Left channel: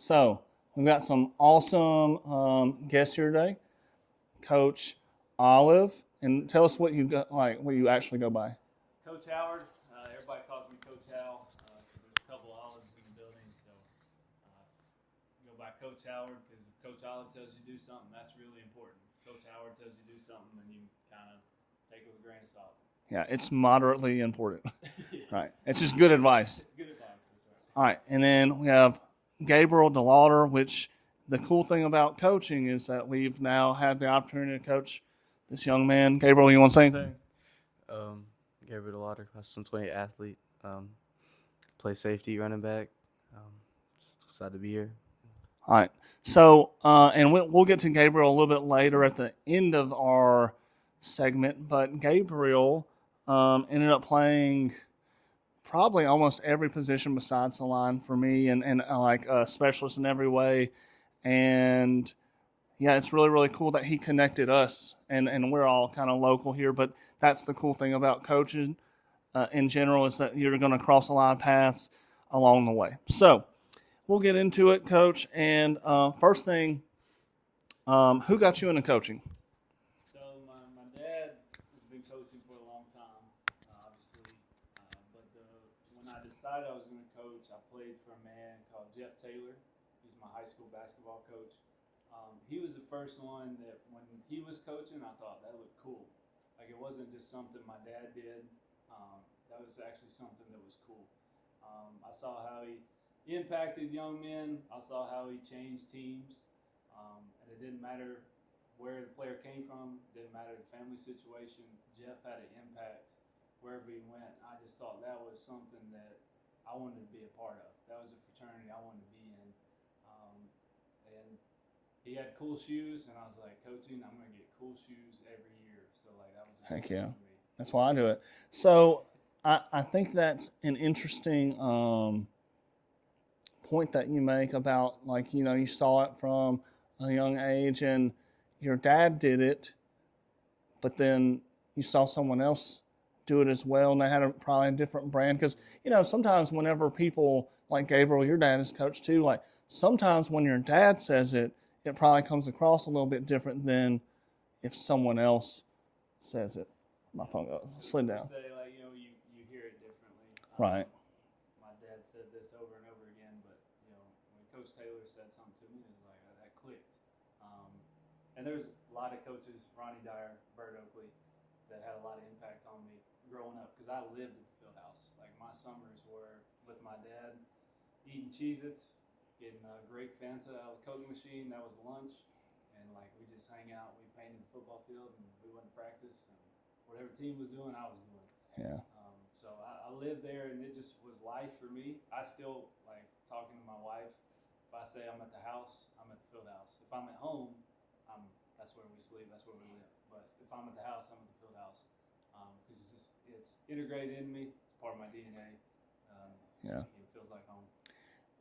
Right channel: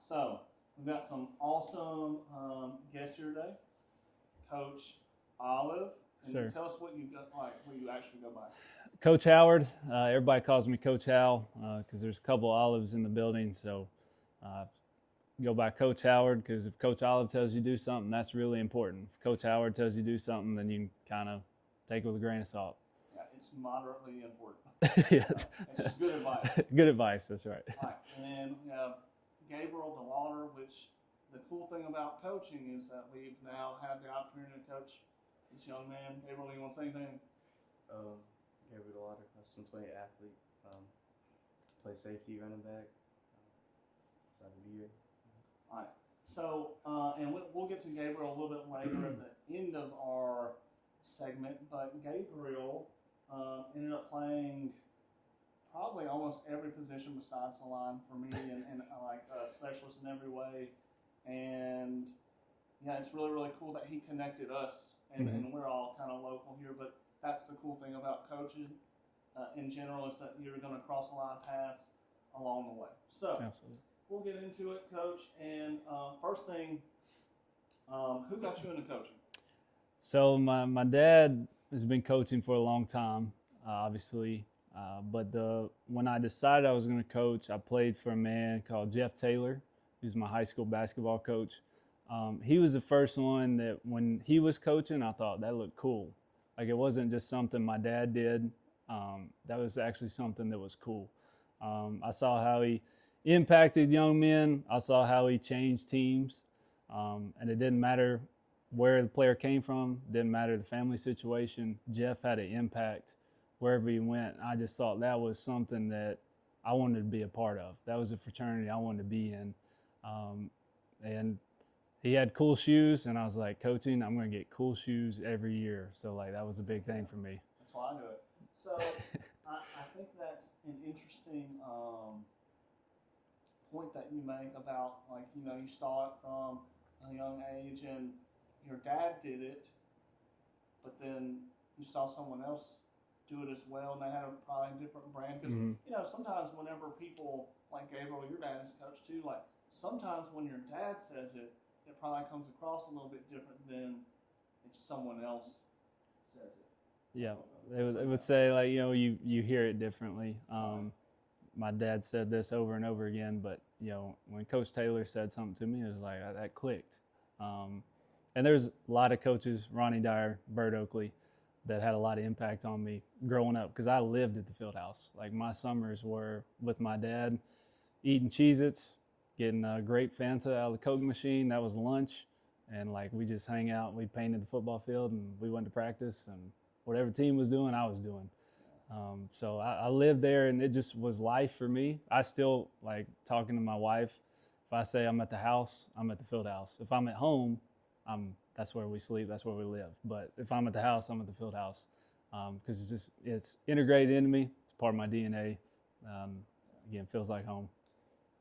So we've got some awesome guests here today. Coach Olive, and Sir. tell us what you got, like what you actually go by. Coach Howard. Everybody calls me Coach Hal because there's a couple olives in the building. So uh, go by Coach Howard because if Coach Olive tells you to do something, that's really important. If Coach Howard tells you to do something, then you can kind of take it with a grain of salt. Yeah, it's moderately important. Yes. Right, it's just good advice. Good advice. That's right. All right, and then we have Gabriel Delaughter, which the cool thing about coaching is that we've now had the opportunity to coach this young man. Gabriel, you want to say anything? Um, Gabe, Delaughter, class 20 athlete. Play safety, running back. Um, Excited to be here. All right. So, and we'll get to Gabriel a little bit later at the end of our segment, but Gabriel ended up playing probably almost every position besides the line for me, and like a specialist in every way. And yeah, it's really, really cool that he connected us, and we're all kind of local here, but that's the cool thing about coaching in general is that you're going to cross a lot of paths along the way. So, Absolutely. we'll get into it, Coach. And first thing, who got you into coaching? So my dad has been coaching for a long time, obviously. But when I decided I was going to coach, I played for a man called Jeff Taylor, who's my high school basketball coach. He was the first one that when he was coaching, I thought that looked cool. Like it wasn't just something my dad did. That was actually something that was cool. I saw how he impacted young men. I saw how he changed teams. And it didn't matter where the player came from, didn't matter the family situation. Jeff had an impact wherever he went. I just thought that was something that I wanted to be a part of. That was a fraternity I wanted to be in. And he had cool shoes, and I was like, coaching, I'm going to get cool shoes every year. So, like, that was a big Heck thing yeah. for me. That's why I do it. So I think that's an interesting point that you make about, like, you saw it from a young age and your dad did it, but then you saw someone else do it as well, and they had probably a different brand. Because, sometimes whenever people, like Gabriel, your dad is coach too, like, sometimes when your dad says it, it probably comes across a little bit different than if someone else says it. My Yeah, phone they slid down. would say, like, you hear it differently. Right. My dad said this over and over again, but, when Coach Taylor said something to me, it was like, that clicked. And there's a lot of coaches, Ronnie Dyer, Bert Oakley, that had a lot of impact on me growing up because I lived at the field house. Like my summers were with my dad, eating Cheez-Its, getting a grape Fanta out of the Coke machine. That was lunch. And like we just hang out, we painted the football field and we went to practice and whatever team was doing, I was doing. Yeah. So I lived there and it just was life for me. I still like talking to my wife. If I say I'm at the house, I'm at the field house. If I'm at home, that's where we sleep, that's where we live. But if I'm at the house, I'm at the field house because it's integrated into me. It's part of my DNA. Again, feels like home.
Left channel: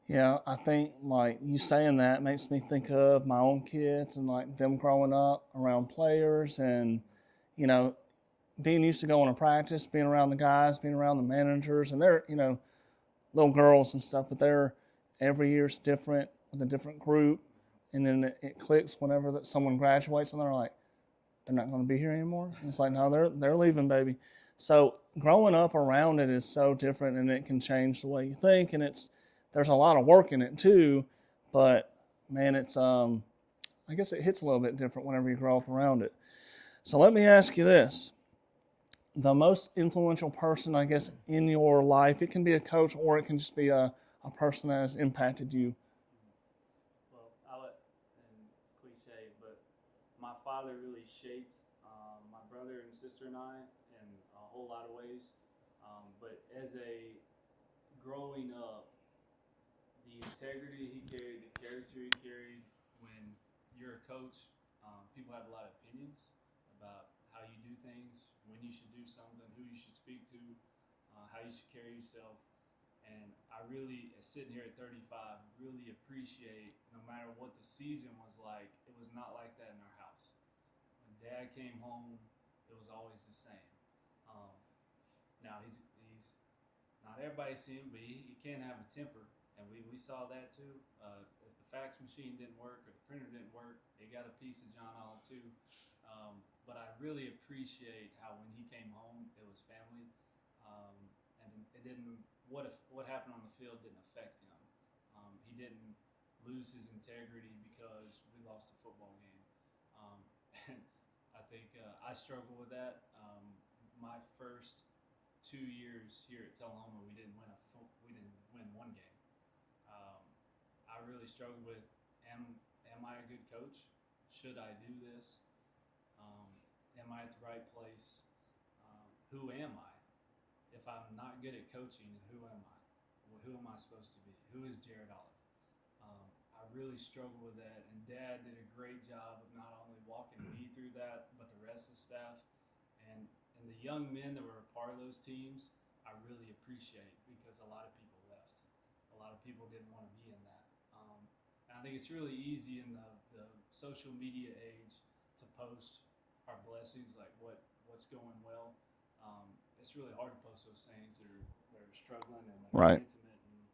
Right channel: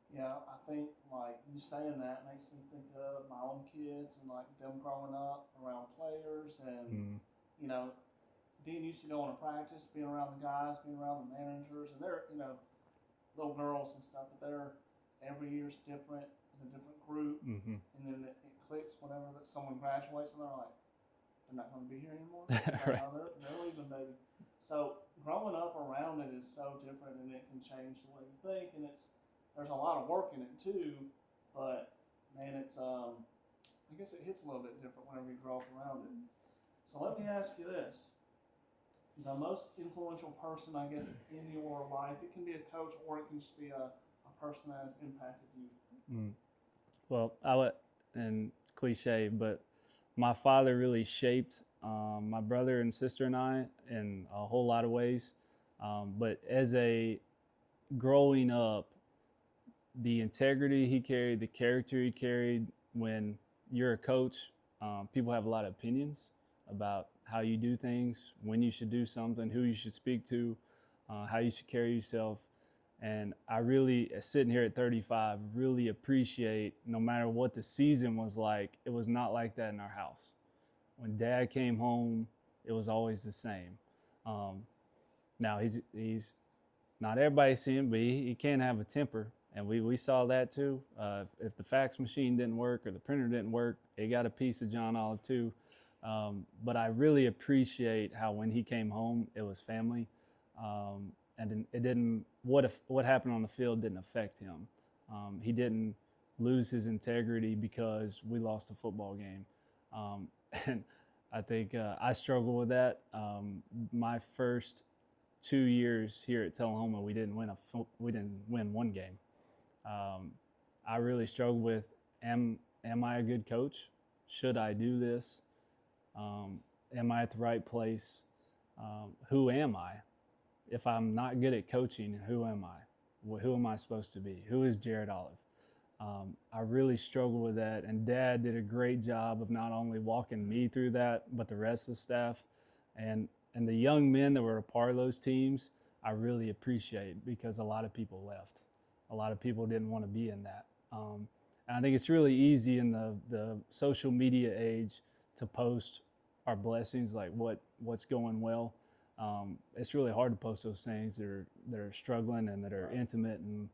Yeah, I think like you saying that makes me think of my own kids and like them growing up around players and being used to going to practice, being around the guys, being around the managers, and they're little girls and stuff, but they're every year's different with a different group, and then it clicks whenever that someone graduates and they're like, they're not going to be here anymore. It's like, Right. no, they're leaving, baby. So growing up around it is so different, and it can change the way you think, and there's a lot of work in it too, but man, it's I guess it hits a little bit different whenever you grow up around it. So let me ask you this. The most influential person, I guess, in your life, it can be a coach or it can just be a person that has impacted you. Well, and cliche, but my father really shaped my brother and sister and I in a whole lot of ways. But as a growing up, the integrity he carried, the character he carried, when you're a coach, people have a lot of opinions about how you do things, when you should do something, who you should speak to, how you should carry yourself. And I really, sitting here at 35, really appreciate no matter what the season was like, it was not like that in our house. When Dad came home, it was always the same. Now he's not everybody see him, but he can have a temper. And we saw that too. If the fax machine didn't work or the printer didn't work, it got a piece of John Olive too. But I really appreciate how when he came home, it was family, and it didn't. What happened on the field didn't affect him. He didn't lose his integrity because we lost a football game, and I think I struggle with that. My first 2 years here at Tullahoma, we didn't win one game. I really struggled with am I a good coach? Should I do this? Am I at the right place? Who am I? If I'm not good at coaching, who am I? Who am I supposed to be? Who is Jared Olive? I really struggle with that, and Dad did a great job of not only walking me through that, but the rest of the staff, and the young men that were a part of those teams. I really appreciate because a lot of people left. A lot of people didn't want to be in that. And I think it's really easy in the social media age to post our blessings, like what's going well. It's really hard to post those things that are struggling and that are Right. intimate. And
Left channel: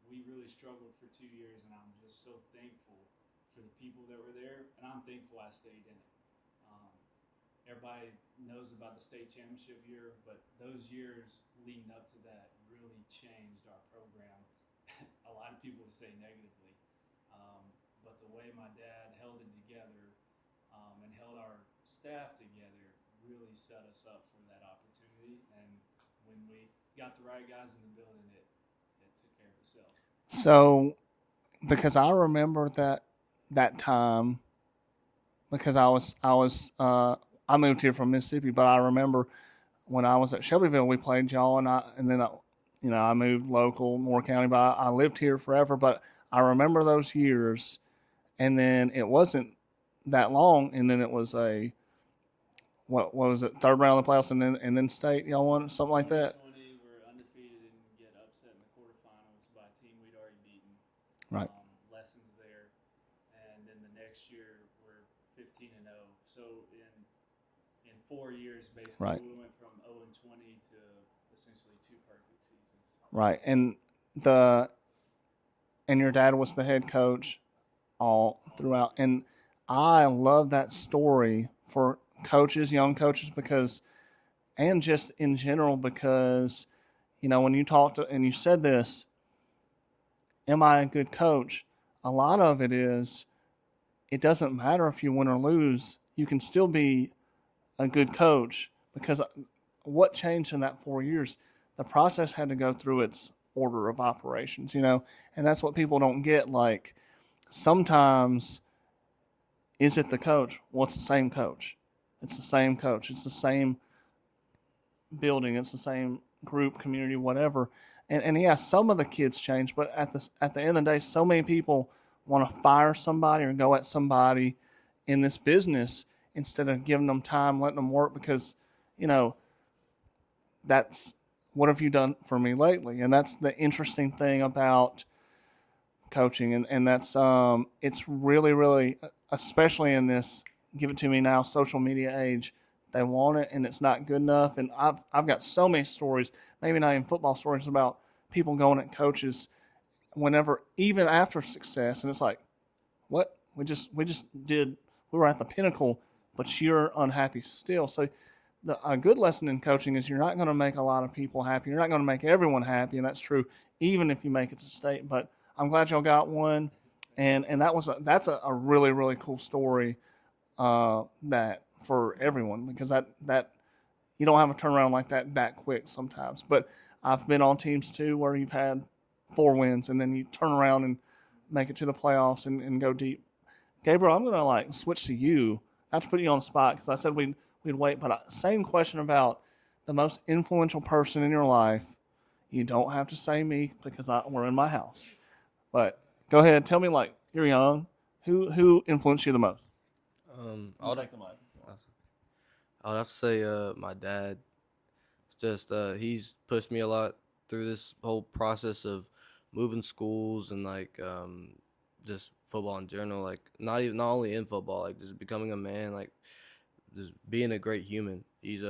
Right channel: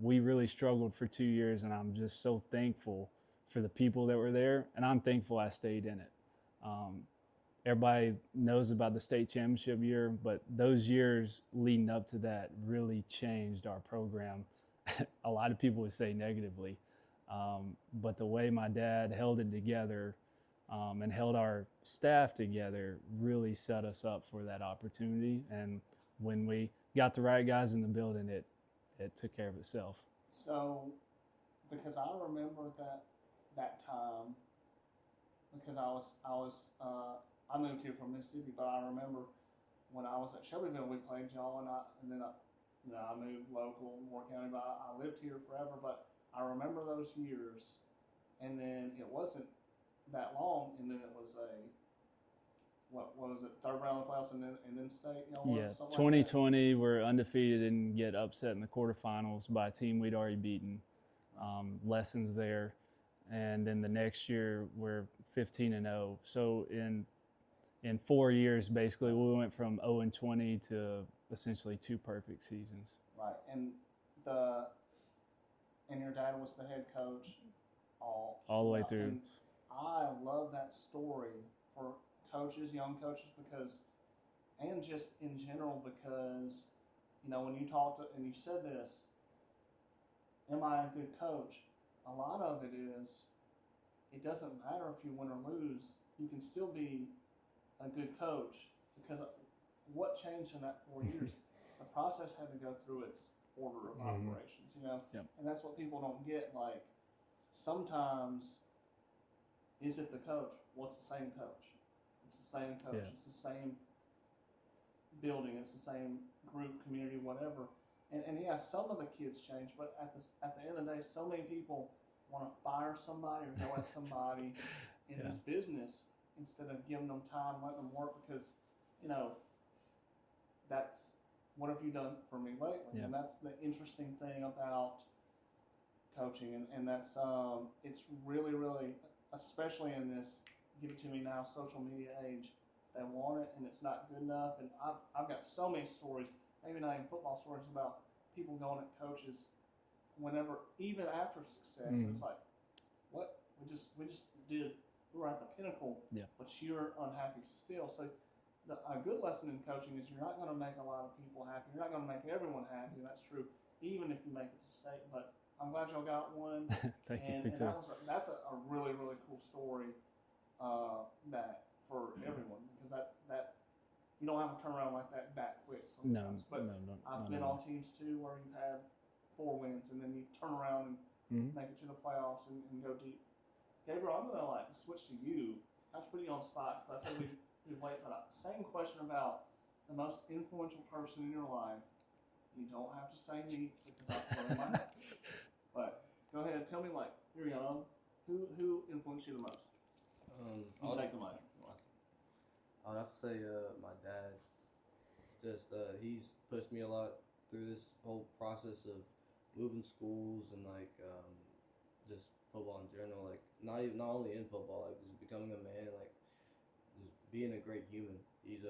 we really struggled for 2 years, and I'm just so thankful for the people that were there, and I'm thankful I stayed in it. Everybody knows about the state championship year, but those years leading up to that really changed our program. A lot of people would say negatively, but the way my dad held it together and held our staff together really set us up for that opportunity. And when we got the right guys in the building, it took care of itself. So, because I remember that time, because I moved here from Mississippi, but I remember when I was at Shelbyville, we played y'all, and then I moved local, Moore County, but I lived here forever. But I remember those years, and then it wasn't that long, and then it was what was it, third round of the playoffs, and then state y'all won, something like that. 2020, we're undefeated and get upset in the quarterfinals by a team we'd already beaten. Right. Lessons there, and then the next year we're 15-0. So in 4 years, basically, Right. we went from 0-20 to essentially 2 perfect seasons. Right, and your dad was the head coach all All the way throughout, through. and I love that story for coaches, young coaches, because, and just in general, because, when you talked and you said this, am I a good coach? A lot of it is, it doesn't matter if you win or lose, you can still be a good coach, because what changed in that 4 years? The process had to go through its order of operations, and that's what people don't get. Like, sometimes, is it the coach? Well, it's the same coach. It's the same coach. It's the same building. It's the same group, community, whatever. And yeah, some of the kids change, but at the end of the day, so many people want to fire somebody or go at somebody in this business instead of giving them time, letting them work, because, that's what have you done for me lately? And that's the interesting thing about coaching, and that's it's really, really, especially in this give it to me now social media age, they want it and it's not good enough. And I've got so many stories, maybe not even football stories, about people going at coaches whenever, even after success, and it's like, what, we were at the pinnacle, but you're unhappy still. So a good lesson in coaching is you're not going to make a lot of people happy. You're not going to make everyone happy, and that's true even if you make it to state. But I'm glad y'all got one, and that's a really, really cool story that for everyone, because that you don't have a turnaround like that quick sometimes. But I've been on teams too where you've had 4 wins and then you turn around and make it to the playoffs and go deep. Gabriel, I'm gonna switch to you. Not to put you on the spot, because I said we'd wait, but same question about the most influential person in your life. You don't have to say me, because we're in my house. But go ahead, tell me, you're young, who influenced you the most? I would have to say my dad. It's just he's pushed me a lot through this whole process of moving schools and just football in general. Not only in football, just becoming a man, just being a great human. He's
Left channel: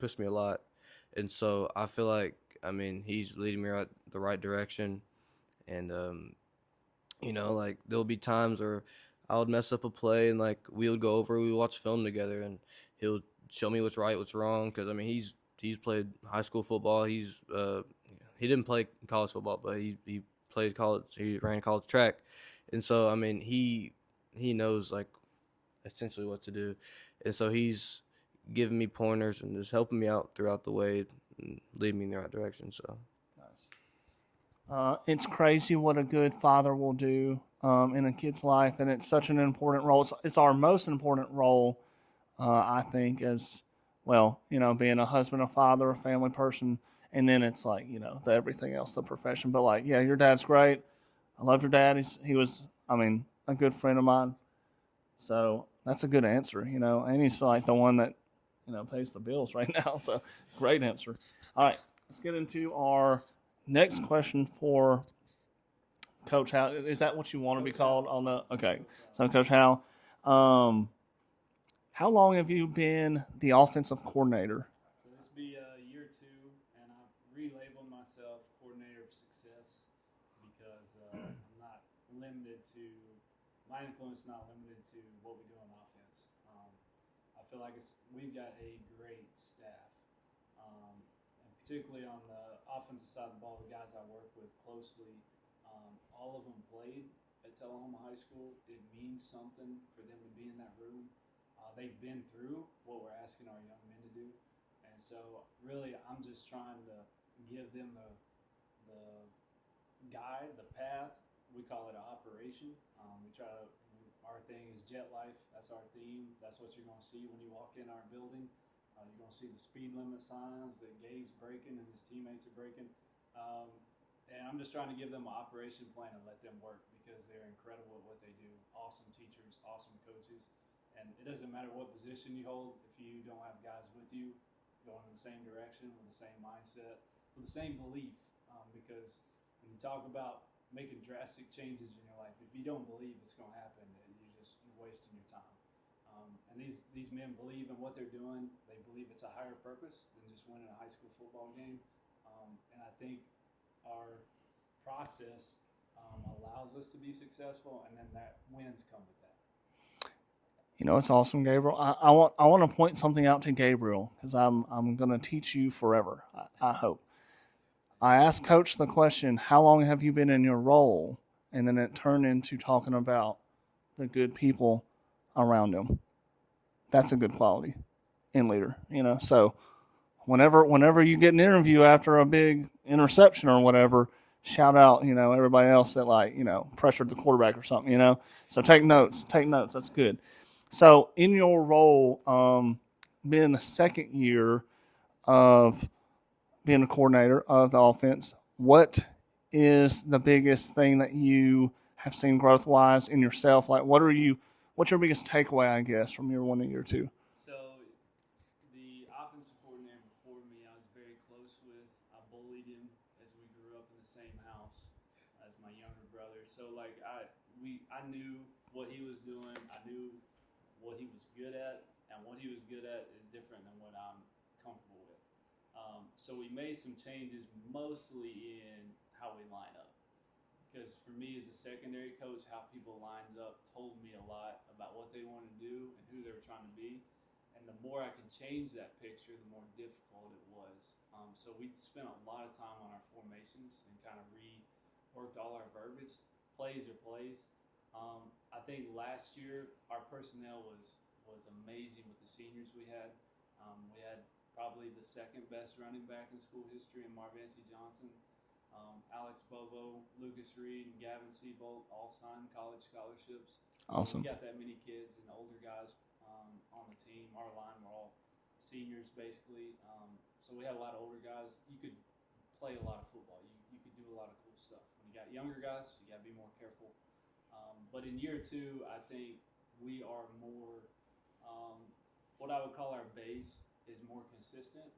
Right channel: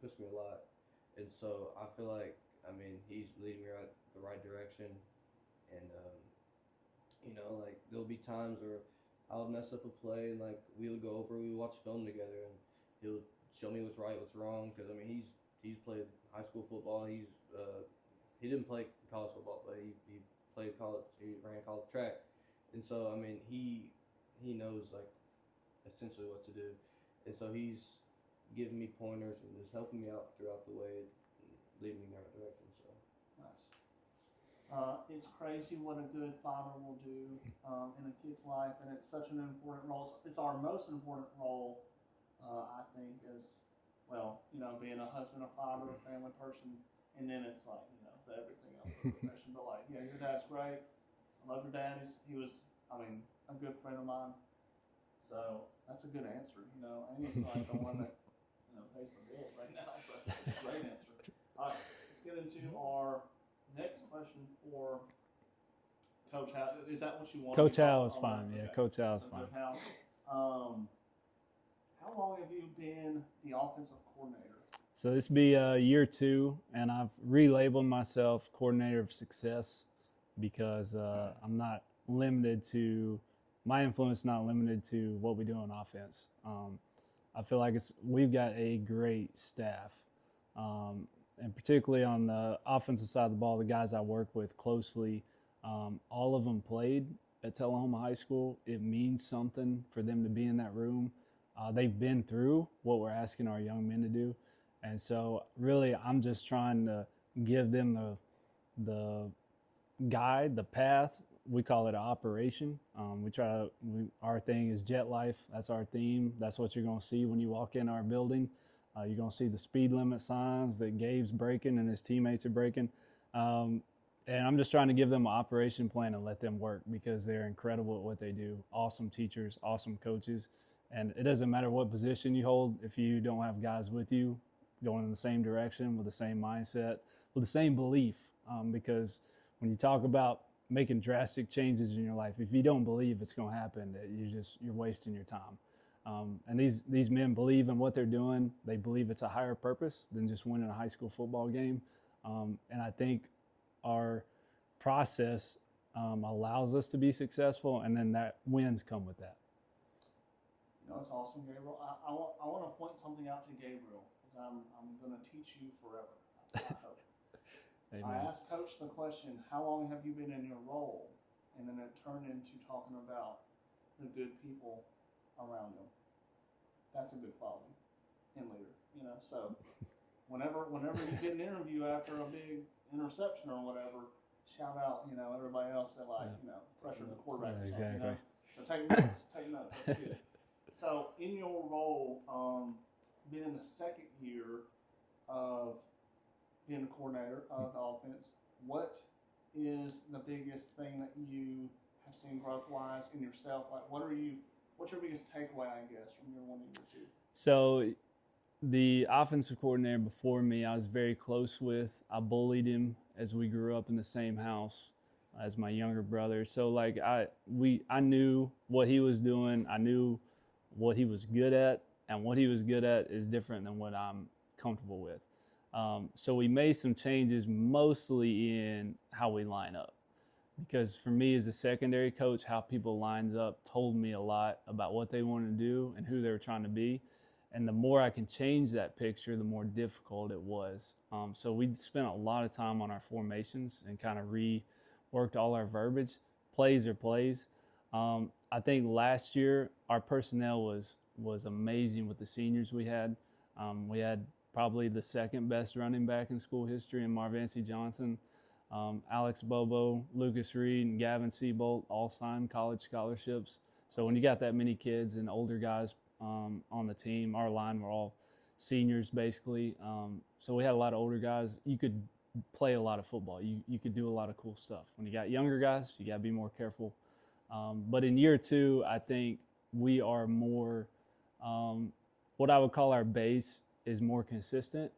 pushed me a lot, and so I feel like I mean, he's leading me the right direction, and like there'll be times where I would mess up a play, and like we would go over, we would watch film together, and he'll show me what's right, what's wrong. Because I mean, he's played high school football. He didn't play college football, but he played college. He ran college track, and so I mean, he knows like essentially what to do, and so he's giving me pointers and just helping me out throughout the way and leading me in the right direction. So It's crazy what a good father will do in a kid's life, and it's such an important role. It's our most important role, I think, as well. Being a husband, a father, a family person, and then it's like the everything else, the profession. But like, yeah, your dad's great. I love your dad. He was, I mean, a good friend of mine. So that's a good answer, and he's like the one that pays the bills right now. So great answer. All right, let's get into our next question for Coach Howe. Is that what you want Coach to be called Howe is fine. okay. Yeah, Coach Howe. So Coach Howe, how long have you been the offensive coordinator? So this be year 2, and I've relabeled myself coordinator of success because I'm not limited to my influence. Not limited to what we do on offense. I feel like we've got a great staff, and particularly on the offensive side of the ball, the guys I work with closely, all of them played at Tullahoma High School. It means something for them to be in that room. They've been through what we're asking our young men to do. And so really I'm just trying to give them the guide, the path. We call it an operation. Our thing is jet life. That's our theme. That's what you're going to see when you walk in our building. You're going to see the speed limit signs that Gabe's breaking and his teammates are breaking. And I'm just trying to give them an operation plan and let them work because they're incredible at what they do. Awesome teachers, awesome coaches. And it doesn't matter what position you hold if you don't have guys with you going in the same direction with the same mindset, with the same belief. Because when you talk about making drastic changes in your life, if you don't believe it's going to happen, you're wasting your time. And these men believe in what they're doing. They believe it's a higher purpose than just winning a high school football game. And I think our process allows us to be successful, and then that wins come with that. It's awesome, Gabriel. I want to point something out to Gabriel because I'm going to teach you forever. I hope. I asked Coach the question, "How long have you been in your role?" And then it turned into talking about the good people around him. That's a good quality in leader, So whenever you get an interview after a big interception or whatever, shout out, everybody else that pressured the quarterback or something, So take notes. Take notes. That's good. So in your role, being the second year of being a coordinator of the offense, what is the biggest thing that you have seen growth-wise in yourself? Like, what's your biggest takeaway, I guess, from year 1 to year 2? So the offensive coordinator before me, I was very close with. I bullied him as we grew up in the same house as my younger brother. So I knew what he was doing. I knew what he was good at, and what he was good at is different than what I'm comfortable with. So we made some changes mostly in how we line up, because for me as a secondary coach, how people lined up told me a lot about what they wanted to do and who they were trying to be. And the more I can change that picture, the more difficult it was. So we spent a lot of time on our formations and kind of reworked all our verbiage. Plays are plays. I think last year our personnel was amazing with the seniors we had. We had probably the second best running back in school history in Marvancy Johnson. Alex Bobo, Lucas Reed, and Gavin Seabolt all signed college scholarships. So when you got that many kids and older guys on the team, our line were all seniors basically. So we had a lot of older guys. You could play a lot of football. You could do a lot of cool stuff. When you got younger guys, you got to be more careful. But in year 2, I think we are more, what I would call our base is more consistent.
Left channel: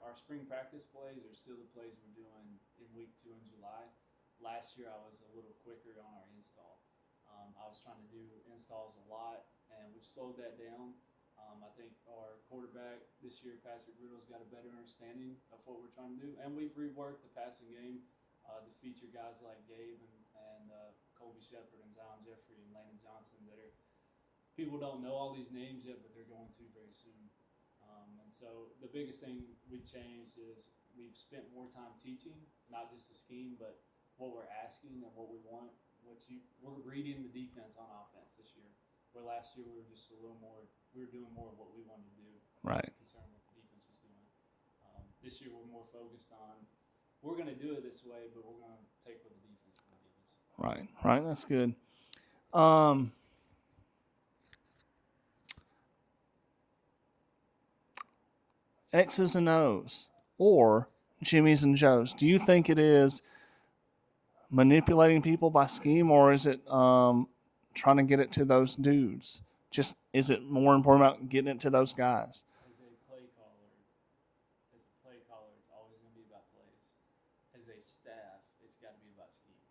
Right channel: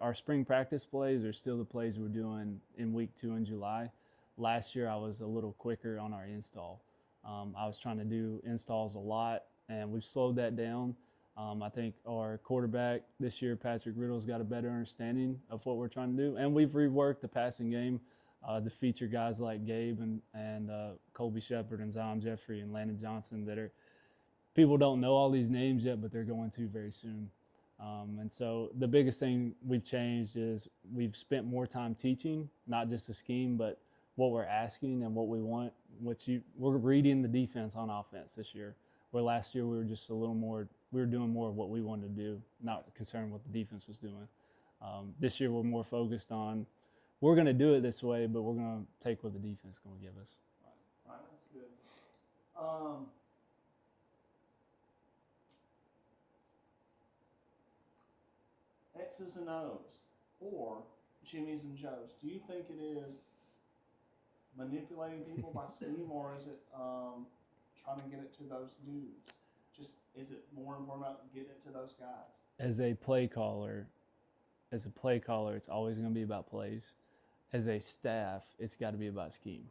Our spring practice plays are still the plays we're doing in week 2 in July. Last year, I was a little quicker on our install. I was trying to do installs a lot, and we've slowed that down. I think our quarterback this year, Patrick Riddle's got a better understanding of what we're trying to do. And we've reworked the passing game to feature guys like Gabe and Colby Shepard and Zion Jeffrey and Landon Johnson that are people don't know all these names yet, but they're going to very soon. And so the biggest thing we've changed is we've spent more time teaching, not just the scheme, but what we're asking and what we want. We're reading the defense on offense this year. Where last year we were just a little more, we were doing more of what we wanted to do, not concerned what the defense was doing. This year we're more focused on, we're going to do it this way, but we're going to take what the defense is going to give us. Right. That's good. X's and O's or Jimmy's and Joe's. Do you think it is manipulating people by scheme, or is it trying to get it to those dudes? Just is it more important about getting it to those guys? As a play caller, it's always going to be about plays. As a staff, it's got to be about scheme.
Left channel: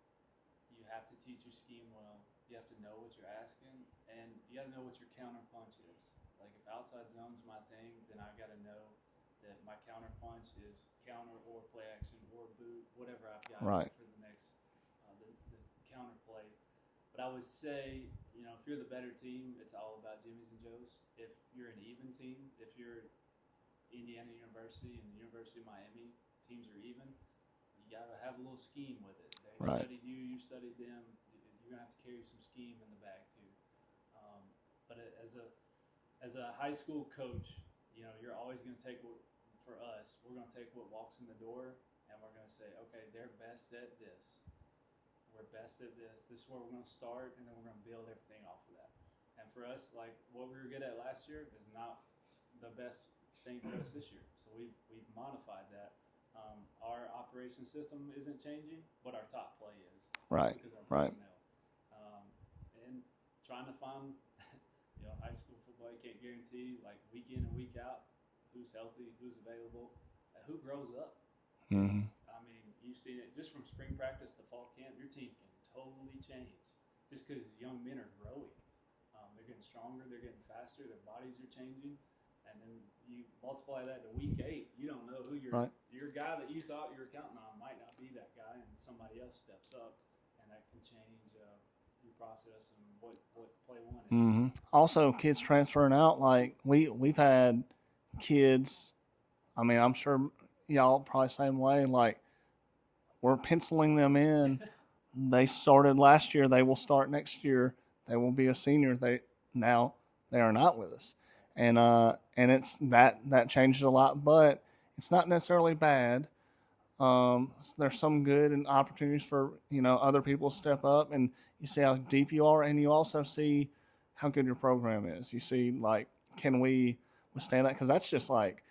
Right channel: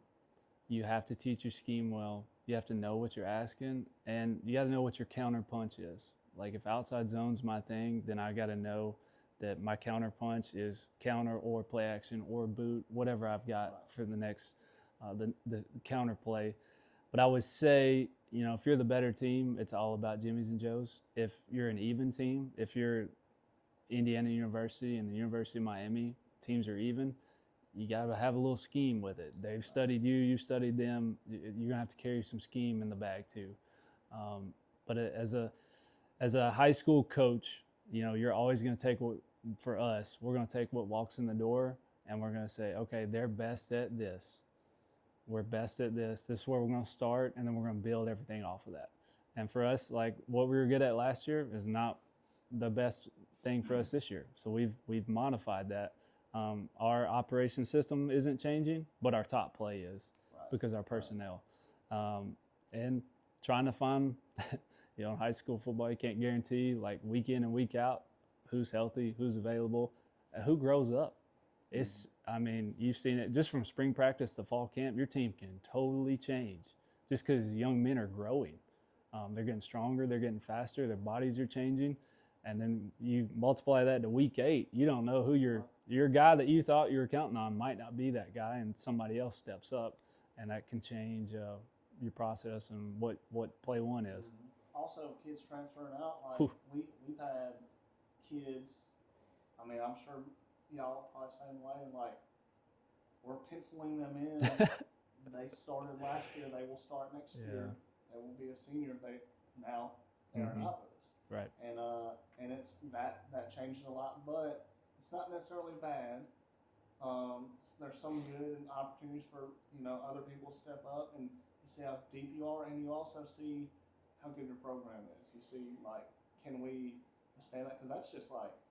You have to teach your scheme well. You have to know what you're asking, and you got to know what your counter punch is. Like if outside zone's my thing, then I got to know that my counter punch is counter or play action or boot, whatever I've got for the next the counter play. But I would say, if you're the better team, it's all about Jimmy's and Joe's. If you're an even team, if you're Indiana University and the University of Miami, teams are even, you got to have a little scheme with it. They've studied you, you studied them. You're going to have to carry some scheme in the bag too. But as a high school coach, you're always going to take for us, we're going to take what walks in the door and we're going to say, okay, they're best at this. We're best at this. This is where we're going to start, and then we're going to build everything off of that. And for us, like what we were good at last year is not the best thing for us this year. So we've modified that. Our operation system isn't changing, but our top play is because our personnel. And trying to find, in high school football, you can't guarantee like week in and week out who's healthy, who's available, who grows up. You've seen it just from spring practice to fall camp. Your team can totally change just because young men are growing. They're getting stronger, they're getting faster, their bodies are changing. And then you multiply that to week 8. You don't know who your guy that you thought you were counting on might not be that guy, and somebody else steps up, and that can change your process and what play one is. Also, kids transferring out. Like we've had kids. I'm sure y'all probably same way. Like we're penciling them in. They started last year. They will start next year. They will be a senior. They are not with us. Right. And it's that changes a lot, but it's not necessarily bad. There's some good and opportunities for other people to step up, and you see how deep you are, and you also see how good your program is. You see like, can we withstand that? Because that's just like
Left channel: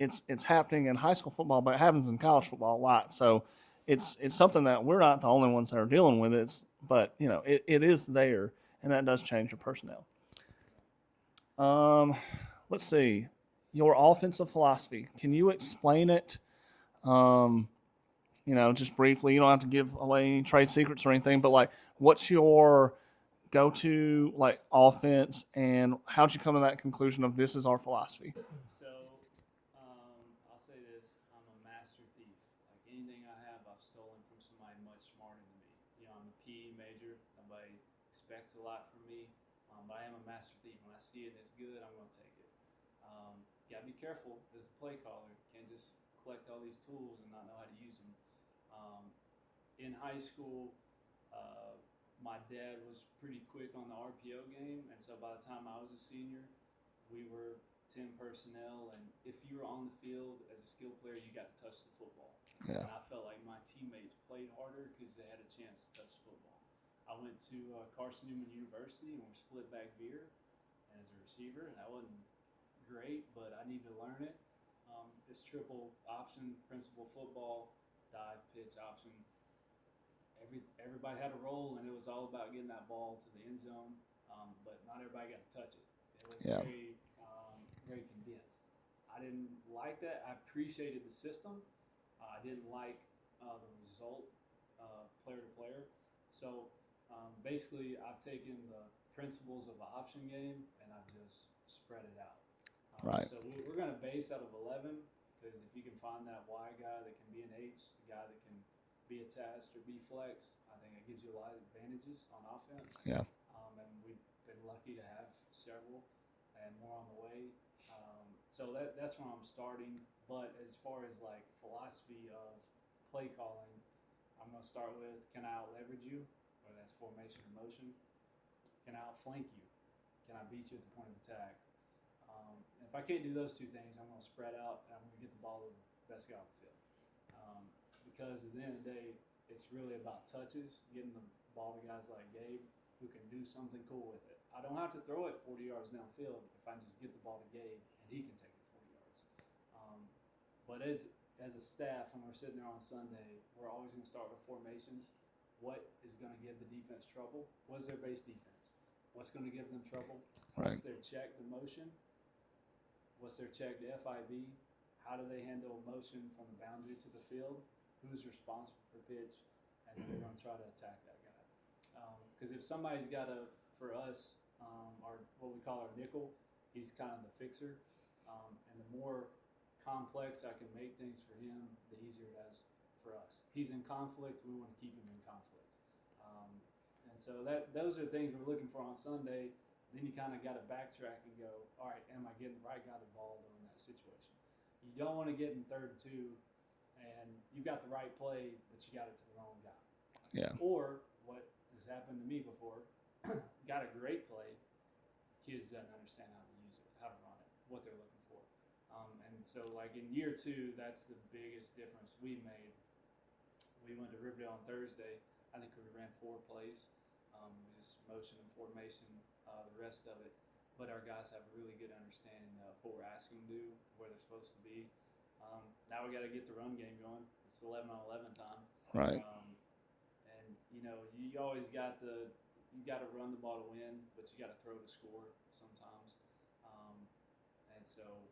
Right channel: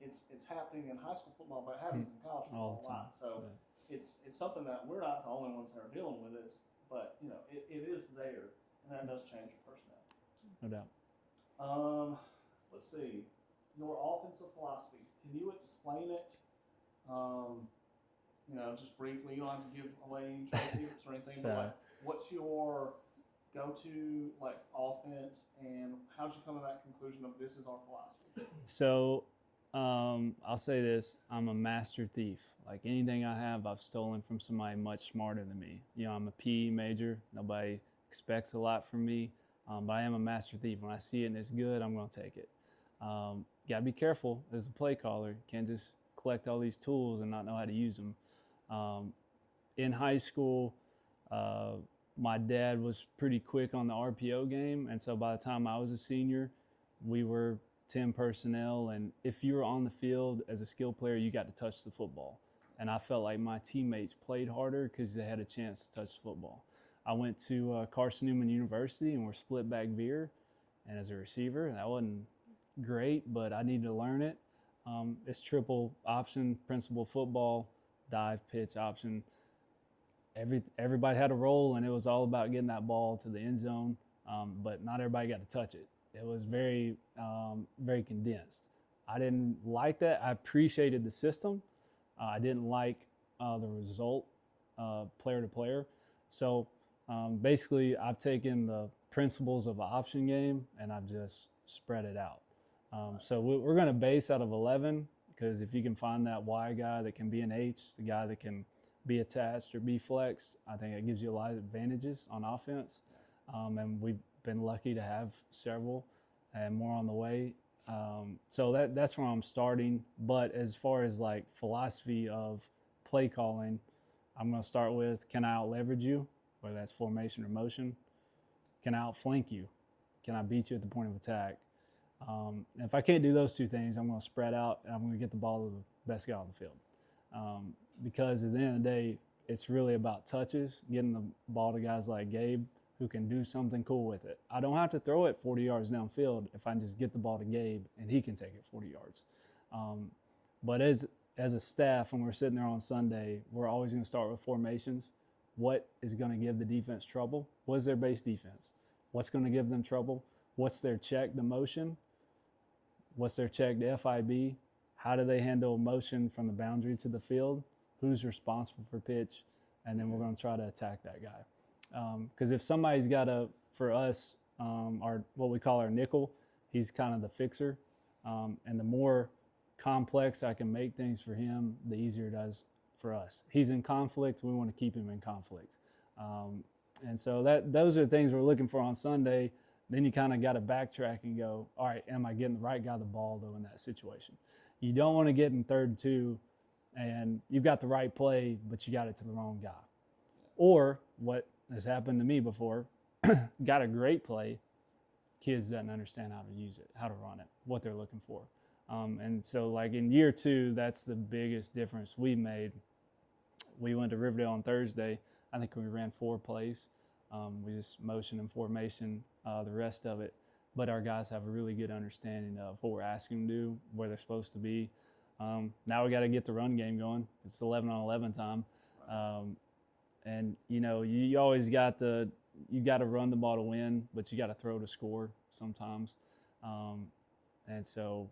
it's happening in high school football, but it happens in college football a lot. So it's something that we're not the only ones that are dealing with. But it is there, and that does change your personnel. No doubt. Let's see. Your offensive philosophy. Can you explain it? Just briefly. You don't have to give away any trade secrets or anything, but like, what's your go-to like offense, and how'd you come to that conclusion of this is our philosophy? So, I'll say this: I'm a master thief. Like anything I have, I've stolen from somebody much smarter than me. I'm a PE major. Nobody expects a lot from me. But I am a master thief. When I see it and it's good, I'm going to take it. Got to be careful as a play caller. You can't just collect all these tools and not know how to use them. In high school, my dad was pretty quick on the RPO game. And so by the time I was a senior, we were 10 personnel. And if you were on the field as a skill player, you got to touch the football. Yeah. And I felt like my teammates played harder because they had a chance to touch the football. I went to Carson Newman University and we're split back veer, and as a receiver, that wasn't great, but I needed to learn it. It's triple option, principal football, dive, pitch, option. Everybody had a role, and it was all about getting that ball to the end zone, but not everybody got to touch it. It was very, very condensed. I didn't like that. I appreciated the system. I didn't like the result, player to player. So basically, I've taken the principles of an option game and I've just spread it out. Right. So we're going to base out of 11 because if you can find that Y guy that can be an H, the guy that can be attached or be flexed, I think it gives you a lot of advantages on offense. Yeah. And we've been lucky to have several and more on the way. So that's where I'm starting. But as far as like philosophy of play calling, I'm going to start with, can I out leverage you, whether that's formation or motion? Can I outflank you? Can I beat you at the point of attack? And if I can't do those two things, I'm going to spread out and I'm going to get the ball to the best guy on the field. Because at the end of the day, it's really about touches, getting the ball to guys like Gabe who can do something cool with it. I don't have to throw it 40 yards downfield if I just get the ball to Gabe and he can take it 40 yards. But as a staff, when we're sitting there on Sunday, we're always going to start with formations. What is going to give the defense trouble? What is their base defense? What's going to give them trouble? What's their check to motion? What's their check to FIB? How do they handle motion from the boundary to the field? Who's responsible for pitch? And then we're going to try to attack that guy. Because if somebody's got for us, our what we call our nickel, he's kind of the fixer. And the more complex I can make things for him, the easier it is for us. He's in conflict. We want to keep him in conflict. And so those are the things we're looking for on Sunday. Then you kind of got to backtrack and go, all right, am I getting the right guy the ball, though, in that situation? You don't want to get in 3rd and 2 and you've got the right play, but you got it to the wrong guy. Yeah. Or what has happened to me before, got a great play, kids doesn't understand how to use it, how to run it, what they're looking for. And so, like, in year 2, that's the biggest difference we made. We went to Riverdale on Thursday. I think we ran 4 plays. We just motion and formation, the rest of it. But our guys have a really good understanding of what we're asking them to do, where they're supposed to be. Now we got to get the run game going. It's 11 on 11 time. Right. And, you know, you always got you got to run the ball to win, but you got to throw to score sometimes. And so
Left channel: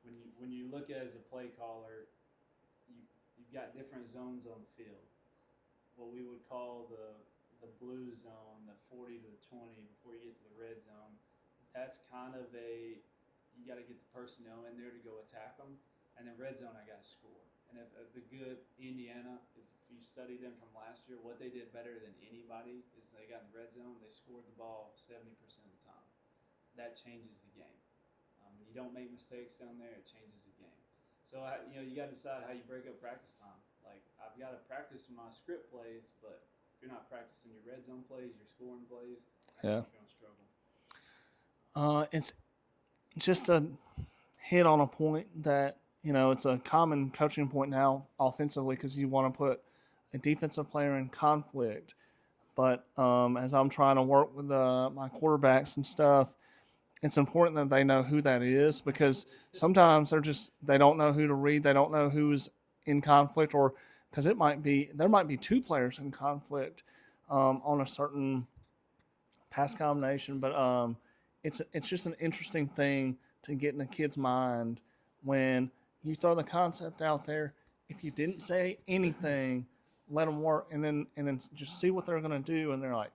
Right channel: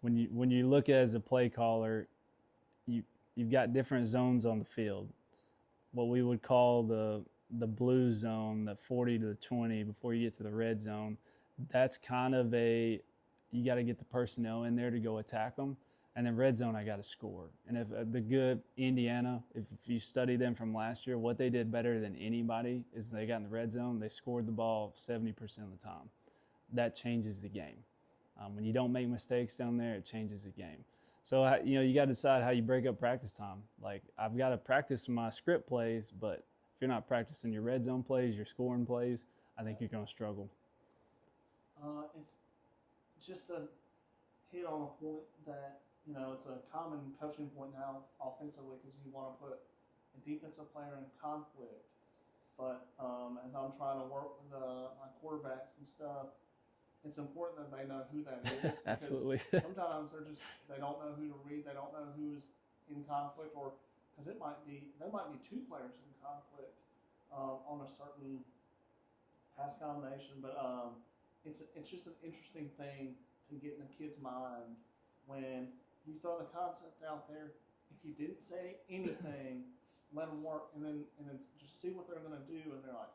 when you look as a play caller, you've got different zones on the field. What we would call the blue zone, the 40 to the 20 before you get to the red zone, that's kind of you got to get the personnel in there to go attack them. And then red zone, I got to score. And if the good Indiana, if you study them from last year, what they did better than anybody is they got in the red zone, they scored the ball 70% of the time. That changes the game. When you don't make mistakes down there, it changes the game. So, you know, you got to decide how you break up practice time. Like, I've got to practice my script plays, but if you're not practicing your red zone plays, your scoring plays, I think you're going to struggle. It's just a hit on a point that, you know, it's a common coaching point now offensively because you want to put a defensive player in conflict. But as I'm trying to work with my quarterbacks and stuff, it's important that they know who that is because sometimes they don't know who to read. They don't know who's in conflict, or because there might be 2 players in conflict on a certain pass combination. But it's just an interesting thing to get in a kid's mind when you throw the concept out there. If you didn't say anything, let them work, and then just see what they're going to do, and they're like,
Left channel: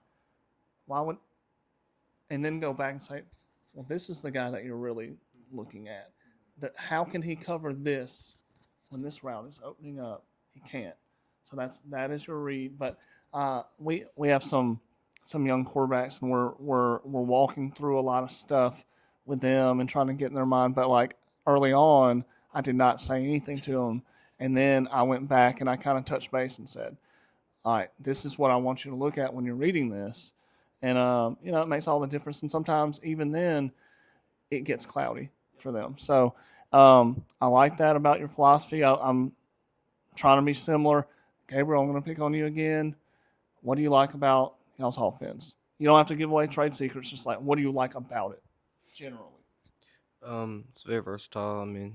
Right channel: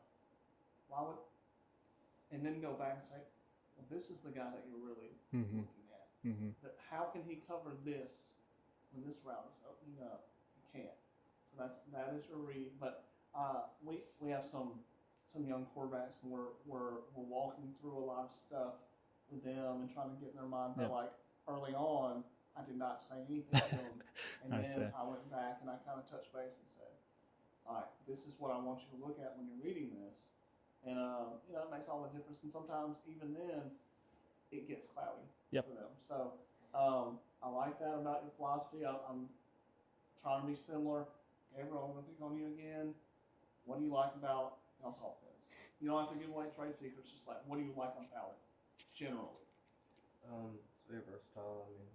why would? And then go back and say, well, this is the guy that you're really looking at. That how can he cover this when this route is opening up? He can't. So that is your read. But we have some young quarterbacks, and we're walking through a lot of stuff with them and trying to get in their mind. But like early on, I did not say anything to them, and then I went back and I kind of touched base and said, all right, this is what I want you to look at when you're reading this. And, you know, it makes all the difference. And sometimes even then it gets cloudy for them. So I like that about your philosophy. I'm trying to be similar. Gabriel, I'm going to pick on you again. What do you like about y'all's offense? You don't have to give away trade secrets. Just like, what do you like about it generally? It's very versatile. I mean,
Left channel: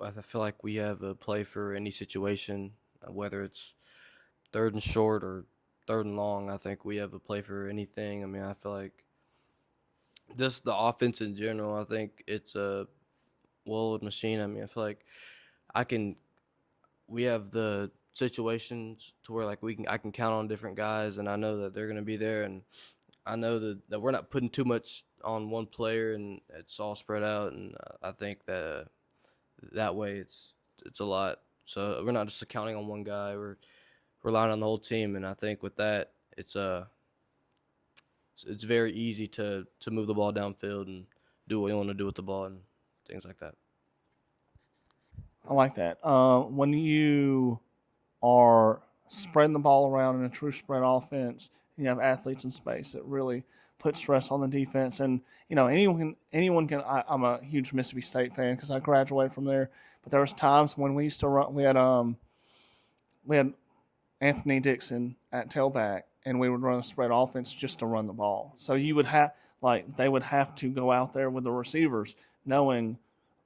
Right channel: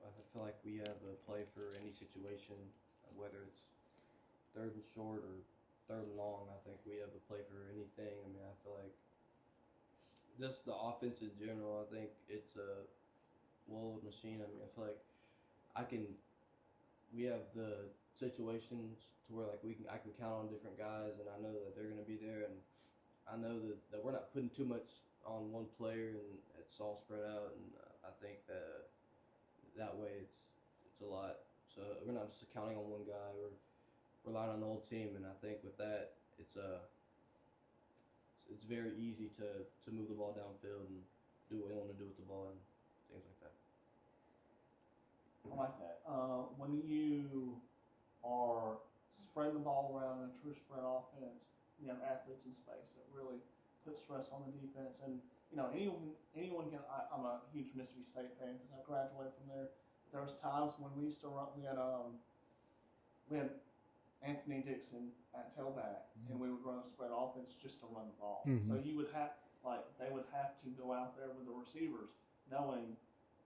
I feel like we have a play for any situation, whether it's 3rd and short or 3rd and long. I think we have a play for anything. I mean, I feel like just the offense in general, I think it's a well-oiled machine. I mean, I feel like we have the situations to where like I can count on different guys, and I know that they're going to be there, and I know that we're not putting too much on one player and it's all spread out. And I think that way it's a lot. So we're not just counting on one guy. We're relying on the whole team. And I think with that, it's very easy to move the ball downfield and do what you want to do with the ball and things like that. I like that. When you are spreading the ball around in a true spread offense, you have athletes in space. It really puts stress on the defense. And anyone can. I'm a huge Mississippi State fan because I graduated from there. But there was times when we used to run. We had Anthony Dixon at tailback, and we would run a spread offense just to run the ball. Mm-hmm. So you would have they would have to go out there with the receivers, knowing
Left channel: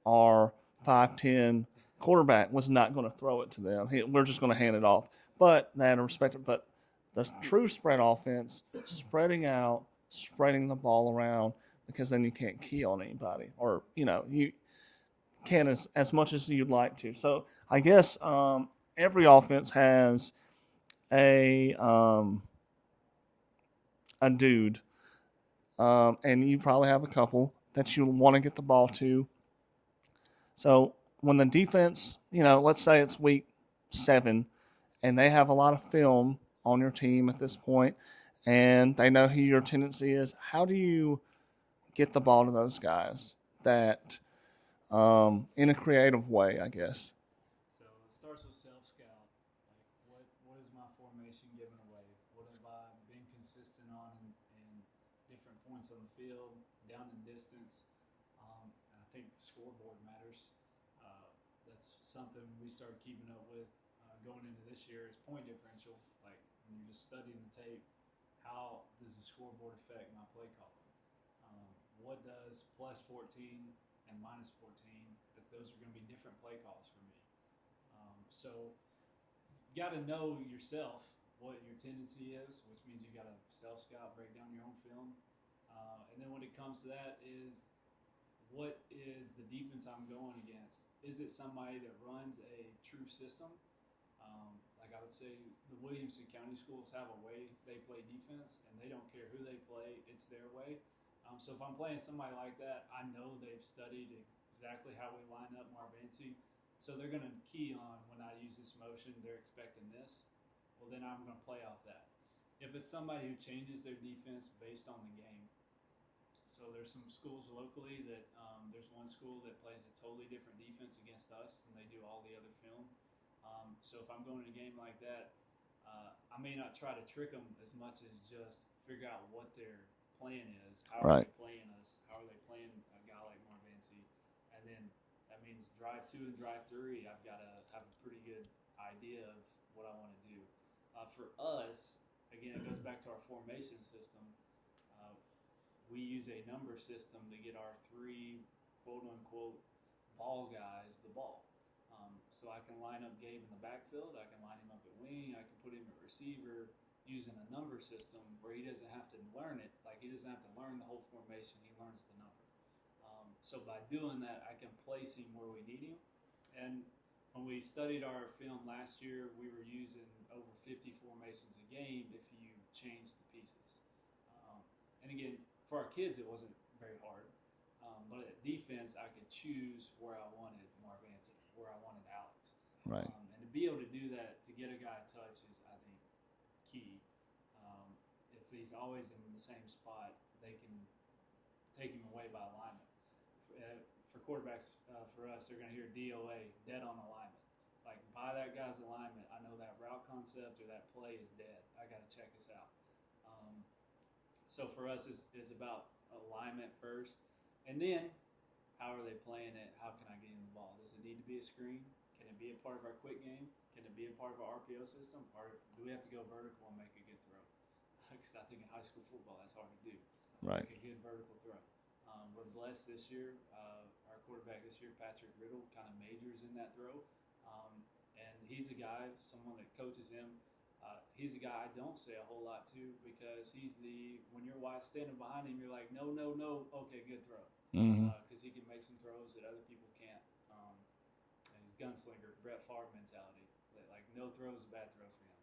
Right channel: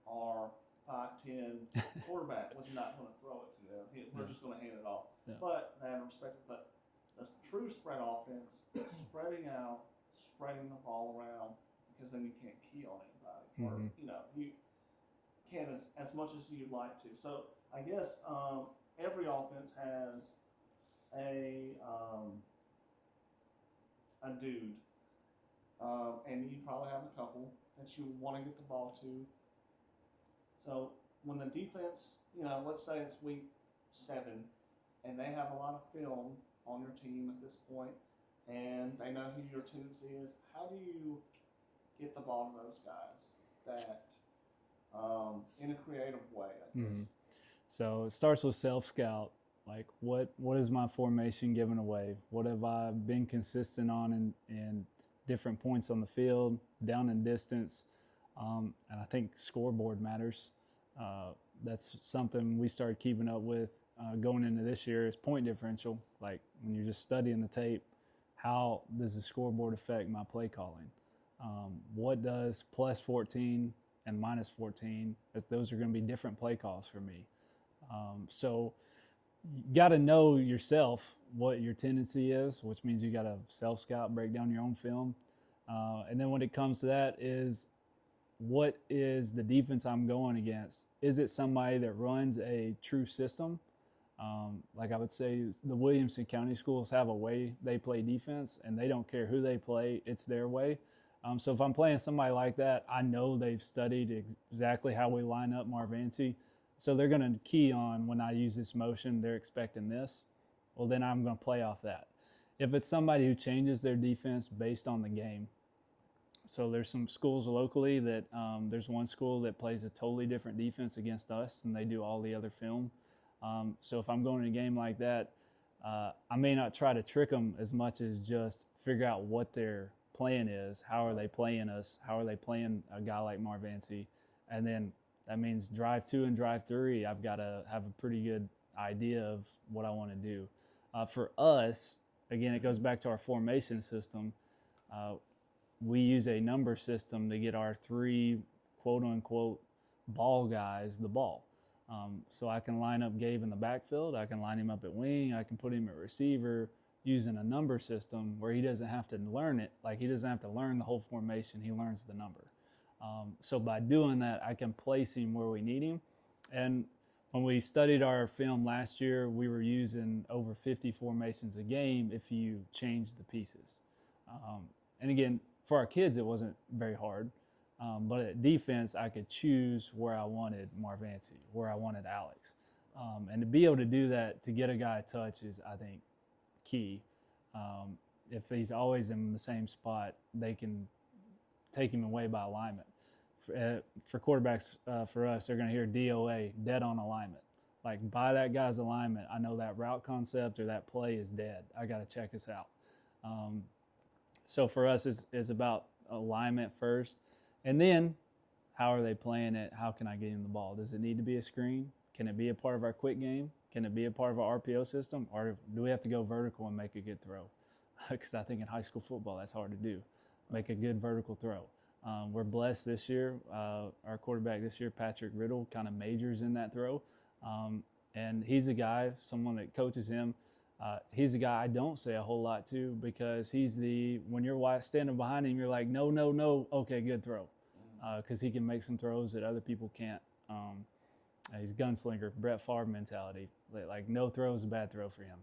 our 5'10" quarterback was not going to throw it to them. We're just going to hand it off. Yeah. But they had to respect it. But the true spread offense, spreading out, spreading the ball around, because then you can't key on anybody, or you can as much as you'd like to. So I guess every offense has a dude, and you probably have a couple that you want to get the ball to. So when the defense, let's say it's week 7, and they have a lot of film on your team at this point, and they know who your tendency is, how do you get the ball to those guys that in a creative way, I guess? Mm-hmm. So it starts with self-scout. Like, what is my formation giving away? What have I been consistent on in different points on the field, down and distance? And I think scoreboard matters. That's something we started keeping up with going into this year is point differential. Like, when you're just studying the tape, how does the scoreboard affect my play calling? What does plus 14 and minus 14, those are going to be different play calls for me. So you got to know yourself what your tendency is, which means you got to self-scout, break down your own film. And then when it comes to that is, what is the defense I'm going against? Is it somebody that runs a true system? Like I would say the Williamson County schools have a way they play defense, and they don't care who they play. It's their way. So if I'm playing somebody like that, I know they've studied exactly how we line up Marvancy. So they're going to key on, when I use this motion, they're expecting this. Well, then I'm going to play off that. If it's somebody who changes their defense based on the game, so there's some schools locally that there's one school that plays a totally different defense against us than they do all the other film. So if I'm going in a game like that, I may not try to trick them as much as just figure out what their plan is. How are they playing us? How are they playing a guy like Marvancy? And then that means drive 2 and drive 3. I've got to have a pretty good idea of what I want to do. For us, again, it goes back to our formation system. We use a number system to get our 3 quote-unquote ball guys the ball. So I can line up Gabe in the backfield. I can line him up at wing. I can put him at receiver using a number system where he doesn't have to learn it. Like, he doesn't have to learn the whole formation. He learns the number. So by doing that, I can place him where we need him. And when we studied our film last year, we were using over 50 formations a game if you change the pieces. And again, for our kids, it wasn't very hard. But at defense, I could choose where I wanted Marvancy, where I wanted Alex. Right. And to be able to do that, to get a guy a touch is, I think, key. If he's always in the same spot, they can take him away by alignment. For quarterbacks, for us, they're going to hear DOA, dead on alignment. Like, by that guy's alignment, I know that route concept or that play is dead. I got to check this out. So for us, it's about alignment first. And then, how are they playing it? How can I get him the ball? Does it need to be a screen? Can it be a part of our quick game? Can it be a part of our RPO system? Or do we have to go vertical and make a good throw? Because I think in high school football, that's hard to do. Right. Make a good vertical throw. We're blessed this year. Our quarterback this year, Patrick Riddle, kind of majors in that throw. And he's a guy, someone that coaches him. He's a guy I don't say a whole lot to, because when you're standing behind him, you're like, no, no, no. Okay, good throw. Because he can make some throws that other people can't. He's gunslinger, Brett Favre mentality. Like, no throw is a bad throw for him.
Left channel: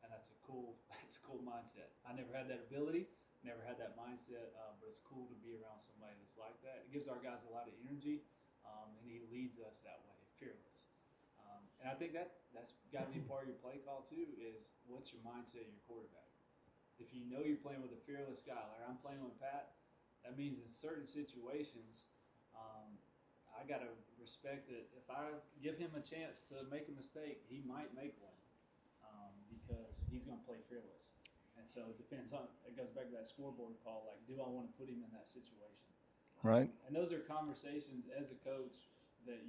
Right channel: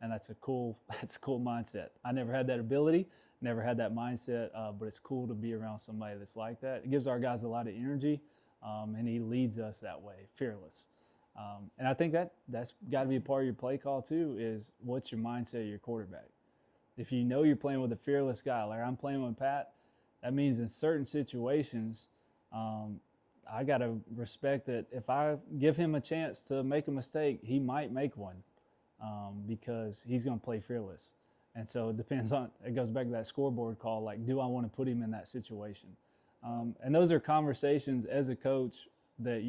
And that's a cool mindset. I never had that ability. never had that mindset, but it's cool to be around somebody that's like that. It gives our guys a lot of energy, and he leads us that way, fearless. And I think that's got to be a part of your play call too, is what's your mindset of your quarterback. If you know you're playing with a fearless guy, like I'm playing with Pat, that means in certain situations, I got to respect that if I give him a chance to make a mistake, he might make one, because he's going to play fearless. And so it goes back to that scoreboard call, like, do I want to put him in that situation? Right. And those are conversations as a coach that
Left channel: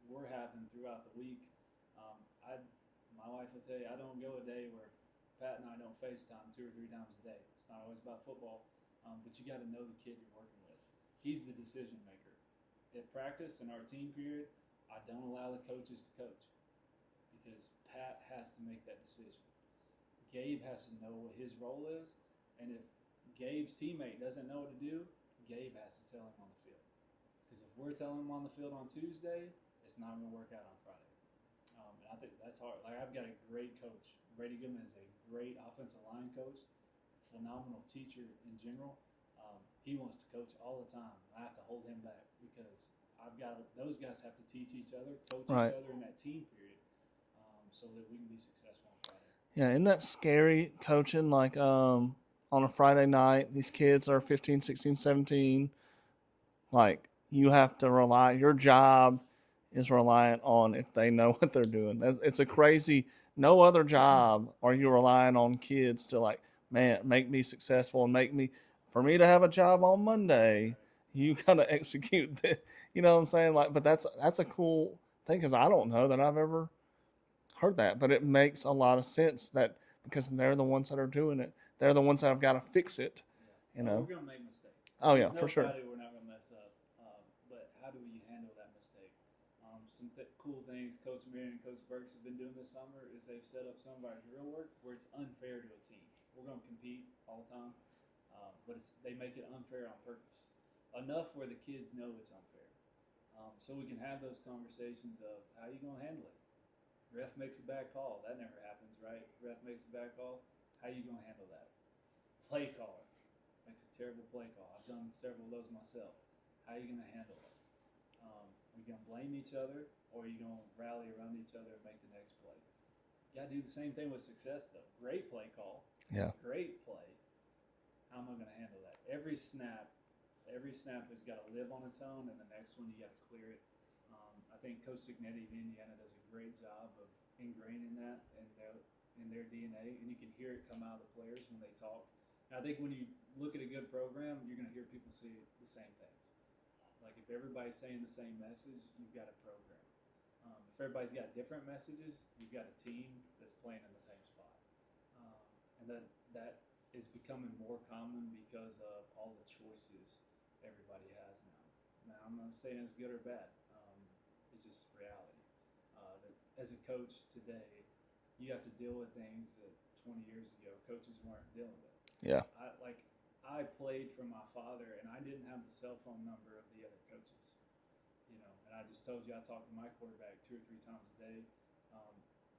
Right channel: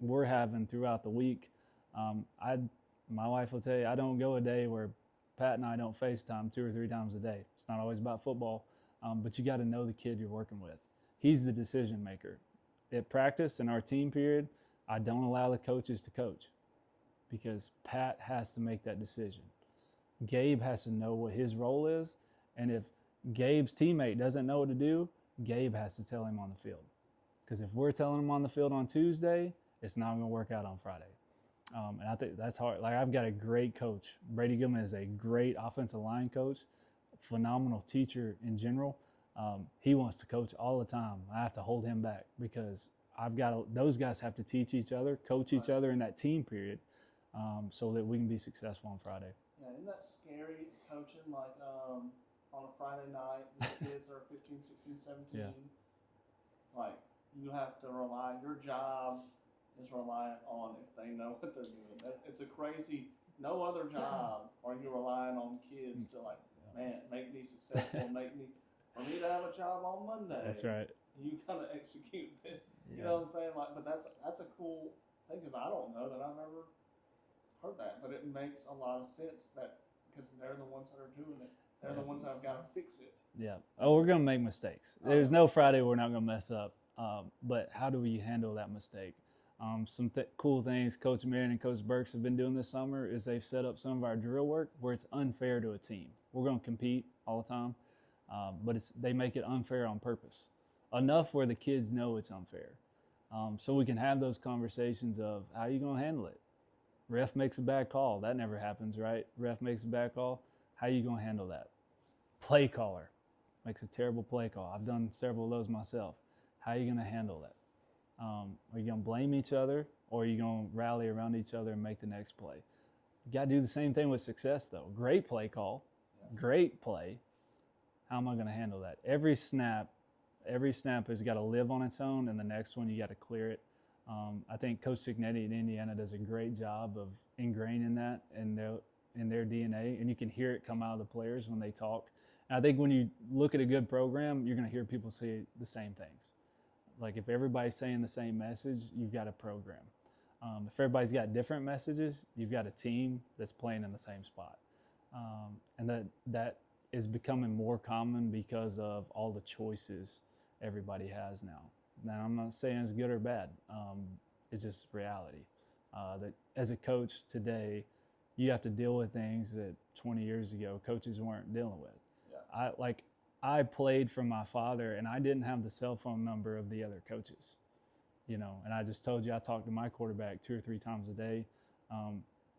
we're having throughout the week. My wife will tell you, I don't go a day where Pat and I don't FaceTime 2 or 3 times a day. It's not always about football, but you got to know the kid you're working with. He's the decision maker. At practice in our team period, I don't allow the coaches to coach because Pat has to make that decision. Gabe has to know what his role is, and if Gabe's teammate doesn't know what to do, Gabe has to tell him on the field. Because if we're telling him on the field on Tuesday, it's not going to work out on Friday. And I think that's hard. Like, I've got a great coach. Brady Gilman is a great offensive line coach, phenomenal teacher in general. He wants to coach all the time. I have to hold him back because those guys have to teach each other, coach each other in that team period, so that we can be successful on Friday. Yeah, isn't that scary coaching? Like on a Friday night, these kids are 15, 16, 17. Yeah. Like, you have to rely, your job is reliant on if they know what they're doing. It's a crazy, no other job are you relying on kids to, like, man, make me successful and for me to have a job on Monday. That's right. You got to execute that. You know what I'm saying? Like, but that's a cool thing, because I don't know that I've ever heard that, but it makes a lot of sense that because they're the ones that are doing it. They're the ones that have got to fix it. Yeah. We're going to make mistakes. There's no Friday we're not going to mess up. But how do we handle that mistake? Some cool things Coach Marion and Coach Burks have been doing this summer is they've set up some of our drill work where it's unfair to a team. We're going to compete all the time, but they make it unfair on purpose, enough where the kids know it's unfair. So we can have those conversations of how are you going to handle it? Ref makes a bad call. That never happens, right? Ref makes a bad call. How are you going to handle that? Play caller makes a terrible play call. I've done several of those myself. How are you going to handle that? Are you going to blame each other, or are you going to rally around each other and make the next play? You got to do the same thing with success, though. Great play call. Yeah. Great play. How am I going to handle that? Every snap has got to live on its own, and the next one you got to clear it. I think Coach Signetti in Indiana does a great job of ingraining that in their DNA, and you can hear it come out of the players when they talk. And I think when you look at a good program, you're going to hear people say the same things. Like, if everybody's saying the same message, you've got a program. If everybody's got different messages, you've got a team that's playing in the same spot. And that is becoming more common because of all the choices everybody has now. Now, I'm not saying it's good or bad. It's just reality. That as a coach today, you have to deal with things that 20 years ago coaches weren't dealing with. Yeah. I played for my father, and I didn't have the cell phone number of the other coaches, and I just told you I talked to my quarterback 2 or 3 times a day.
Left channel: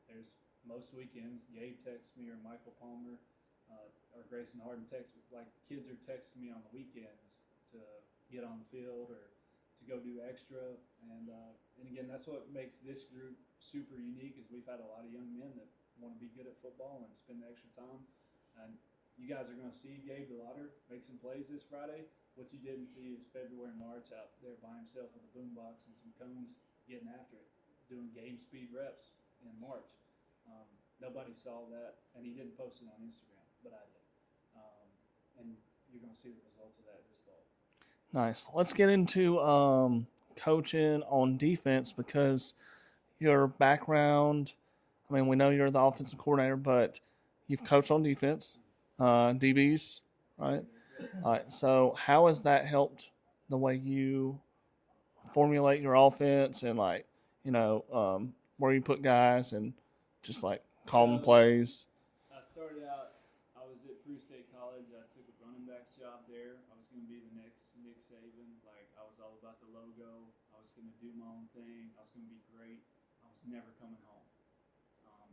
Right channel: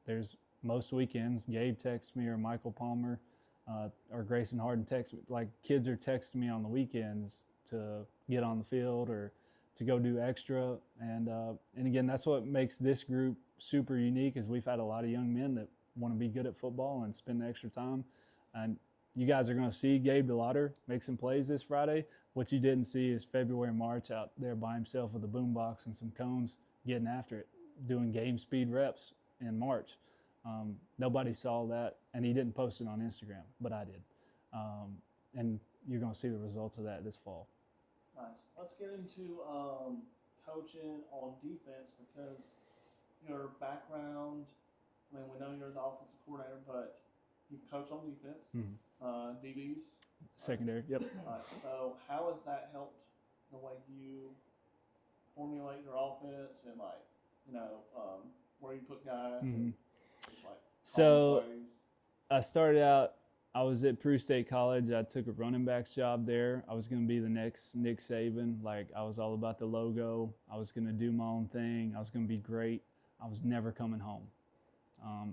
There's most weekends, Gabe texts me, or Michael Palmer, or Grayson Harden texts me. Like, kids are texting me on the weekends to get on the field or to go do extra. And again, that's what makes this group super unique, is we've had a lot of young men that want to be good at football and spend the extra time. And you guys are going to see Gabe Delaughter make some plays this Friday. What you didn't see is February and March out there by himself with a boombox and some cones getting after it, doing game speed reps in March. Nobody saw that, and he didn't post it on Instagram, but I did. And you're going to see the results of that this fall. Nice. Let's get into coaching on defense, because your background, I mean, we know you're the offensive coordinator, but you've coached on defense. Mm-hmm. DBs, right? Secondary, yep. All right. So how has that helped the way you formulate your offense and, like, where you put guys and just, like, call plays? I started out, I was at Peru State College. I took a running back's job there. I was going to be the next Nick Saban. Like, I was all about the logo. I was going to do my own thing. I was going to be great. I was never coming home.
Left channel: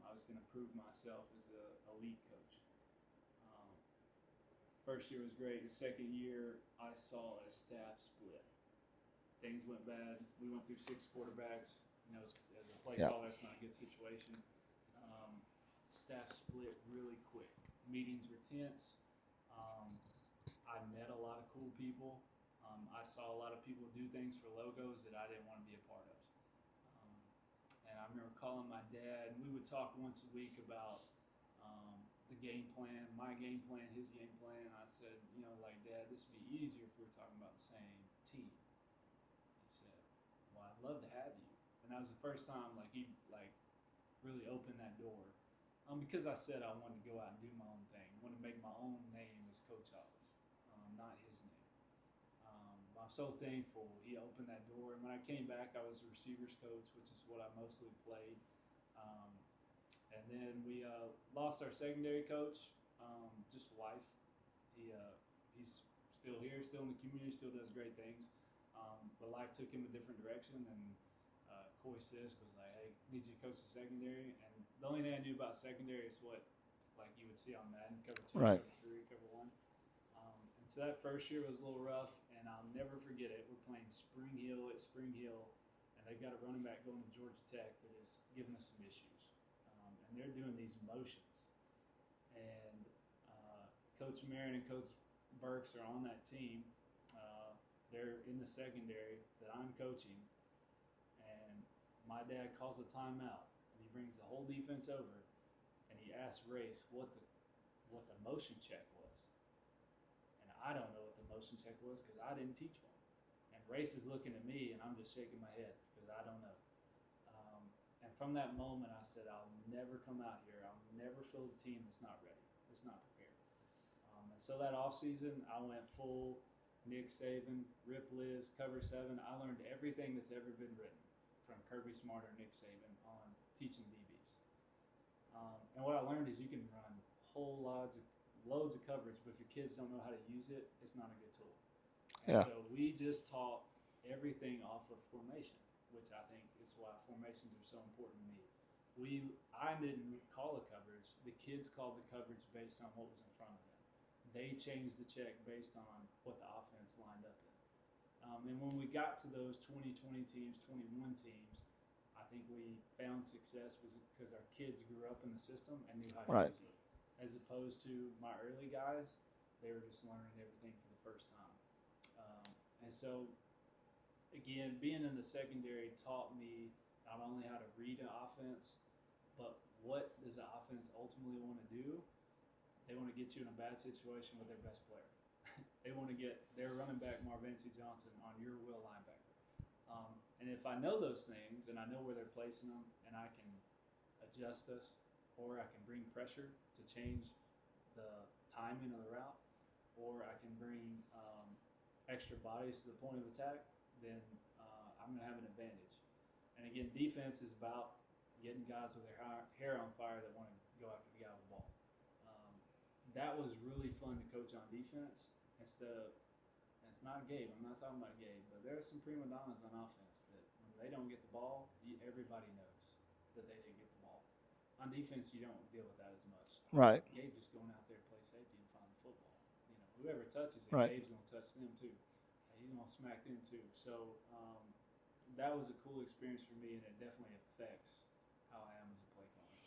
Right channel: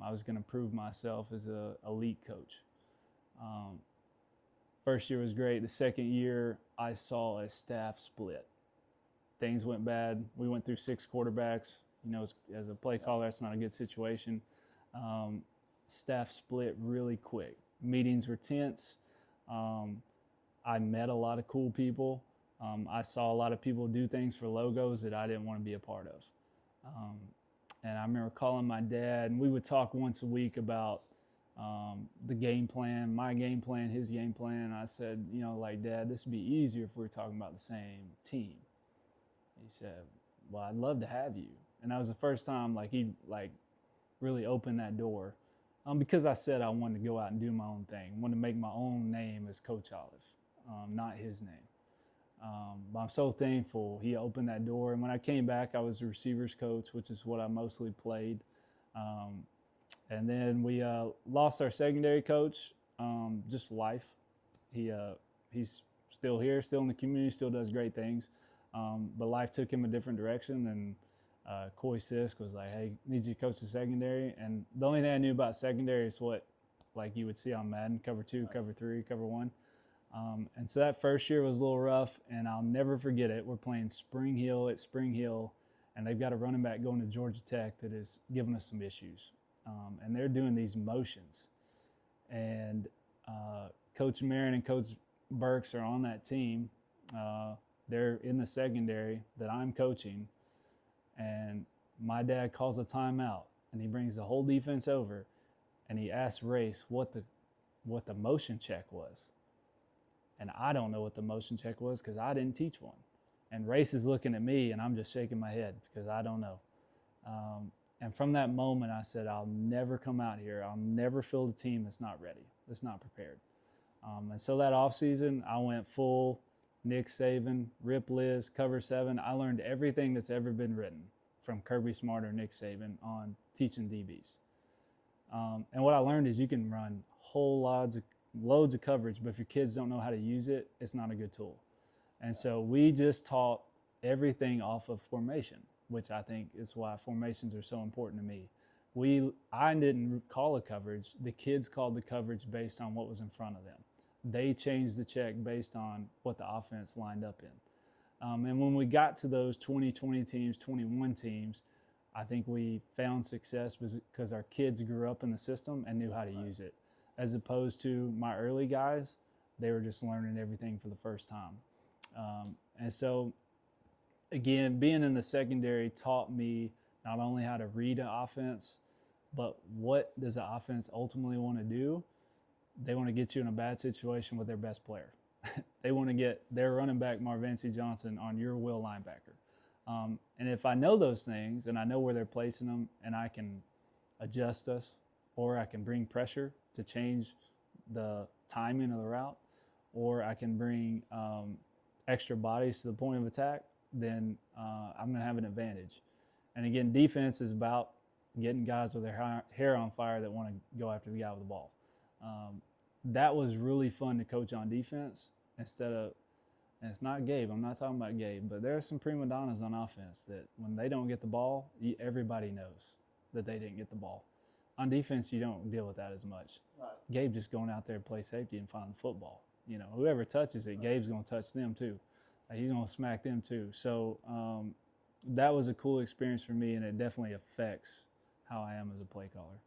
I was going to prove myself as an elite coach. First year was great. The second year, I saw a staff split. Things went bad. We went through 6 quarterbacks. As a play caller, that's not a good situation. Staff split really quick. Meetings were tense. I met a lot of cool people. I saw a lot of people do things for logos that I didn't want to be a part of. And I remember calling my dad, and we would talk once a week about the game plan, my game plan, his game plan. I said, Dad, this would be easier if we were talking about the same team. He said, well, I'd love to have you. And that was the first time he really opened that door. Because I said I wanted to go out and do my own thing, wanted to make my own name as Coach Olive, not his name. But I'm so thankful he opened that door. And when I came back, I was a receivers coach, which is what I mostly played. And then we lost our secondary coach, just life. He's still here, still in the community, still does great things. But life took him a different direction, and Coy Sisk was like, hey, need you to coach the secondary. And the only thing I knew about secondary is what you would see on Madden, cover 2, right. cover 3, cover 1. And so that first year was a little rough, and I'll never forget it. We're playing Spring Hill at Spring Hill, and they've got a running back going to Georgia Tech that is giving us some issues. And they're doing these motions. And Coach Marin and Coach Burks are on that team. They're in the secondary that I'm coaching. And my dad calls a timeout, and he brings the whole defense over, and he asks Race what the motion check was. And I don't know what the motion check was because I didn't teach one. And Race is looking at me, and I'm just shaking my head because I don't know. And from that moment, I said, I'll never come out here. I'll never field a team that's not ready, that's not prepared. And so that offseason, I went full Nick Saban, Rip Liz, Cover 7. I learned everything that's ever been written from Kirby Smart or Nick Saban on teaching DBs. And what I learned is you can run loads of coverage, but if your kids don't know how to use it, it's not a good tool. And so we just taught everything off of formation, which I think is why formations are so important to me. I didn't call a coverage. The kids called the coverage based on what was in front of them. They changed the check based on what the offense lined up in. And when we got to those 2020 teams, 21 teams, I think we found success because our kids grew up in the system and knew how to use it. As opposed to my early guys, they were just learning everything for the first time. And so, again, being in the secondary taught me not only how to read an offense, but what does the offense ultimately want to do? They want to get you in a bad situation with their best player. They want to get their running back, Marvancy Johnson, on your will linebacker. And if I know those things and I know where they're placing them and I can adjust us or I can bring pressure to change the timing of the route, or I can bring extra bodies to the point of attack, then I'm going to have an advantage. And again, defense is about getting guys with their hair on fire that want to go after the guy with the ball. That was really fun to coach on defense instead of, and it's not Gabe, I'm not talking about Gabe, but there are some prima donnas on offense that when they don't get the ball, everybody knows that they didn't get the ball. On defense, you don't deal with that as much. Right. Gabe just going out there to play safety and find the football. Whoever touches it, Gabe's going to touch them too. He's going to smack them too. So that was a cool experience for me, and it definitely affects how I am as a play caller.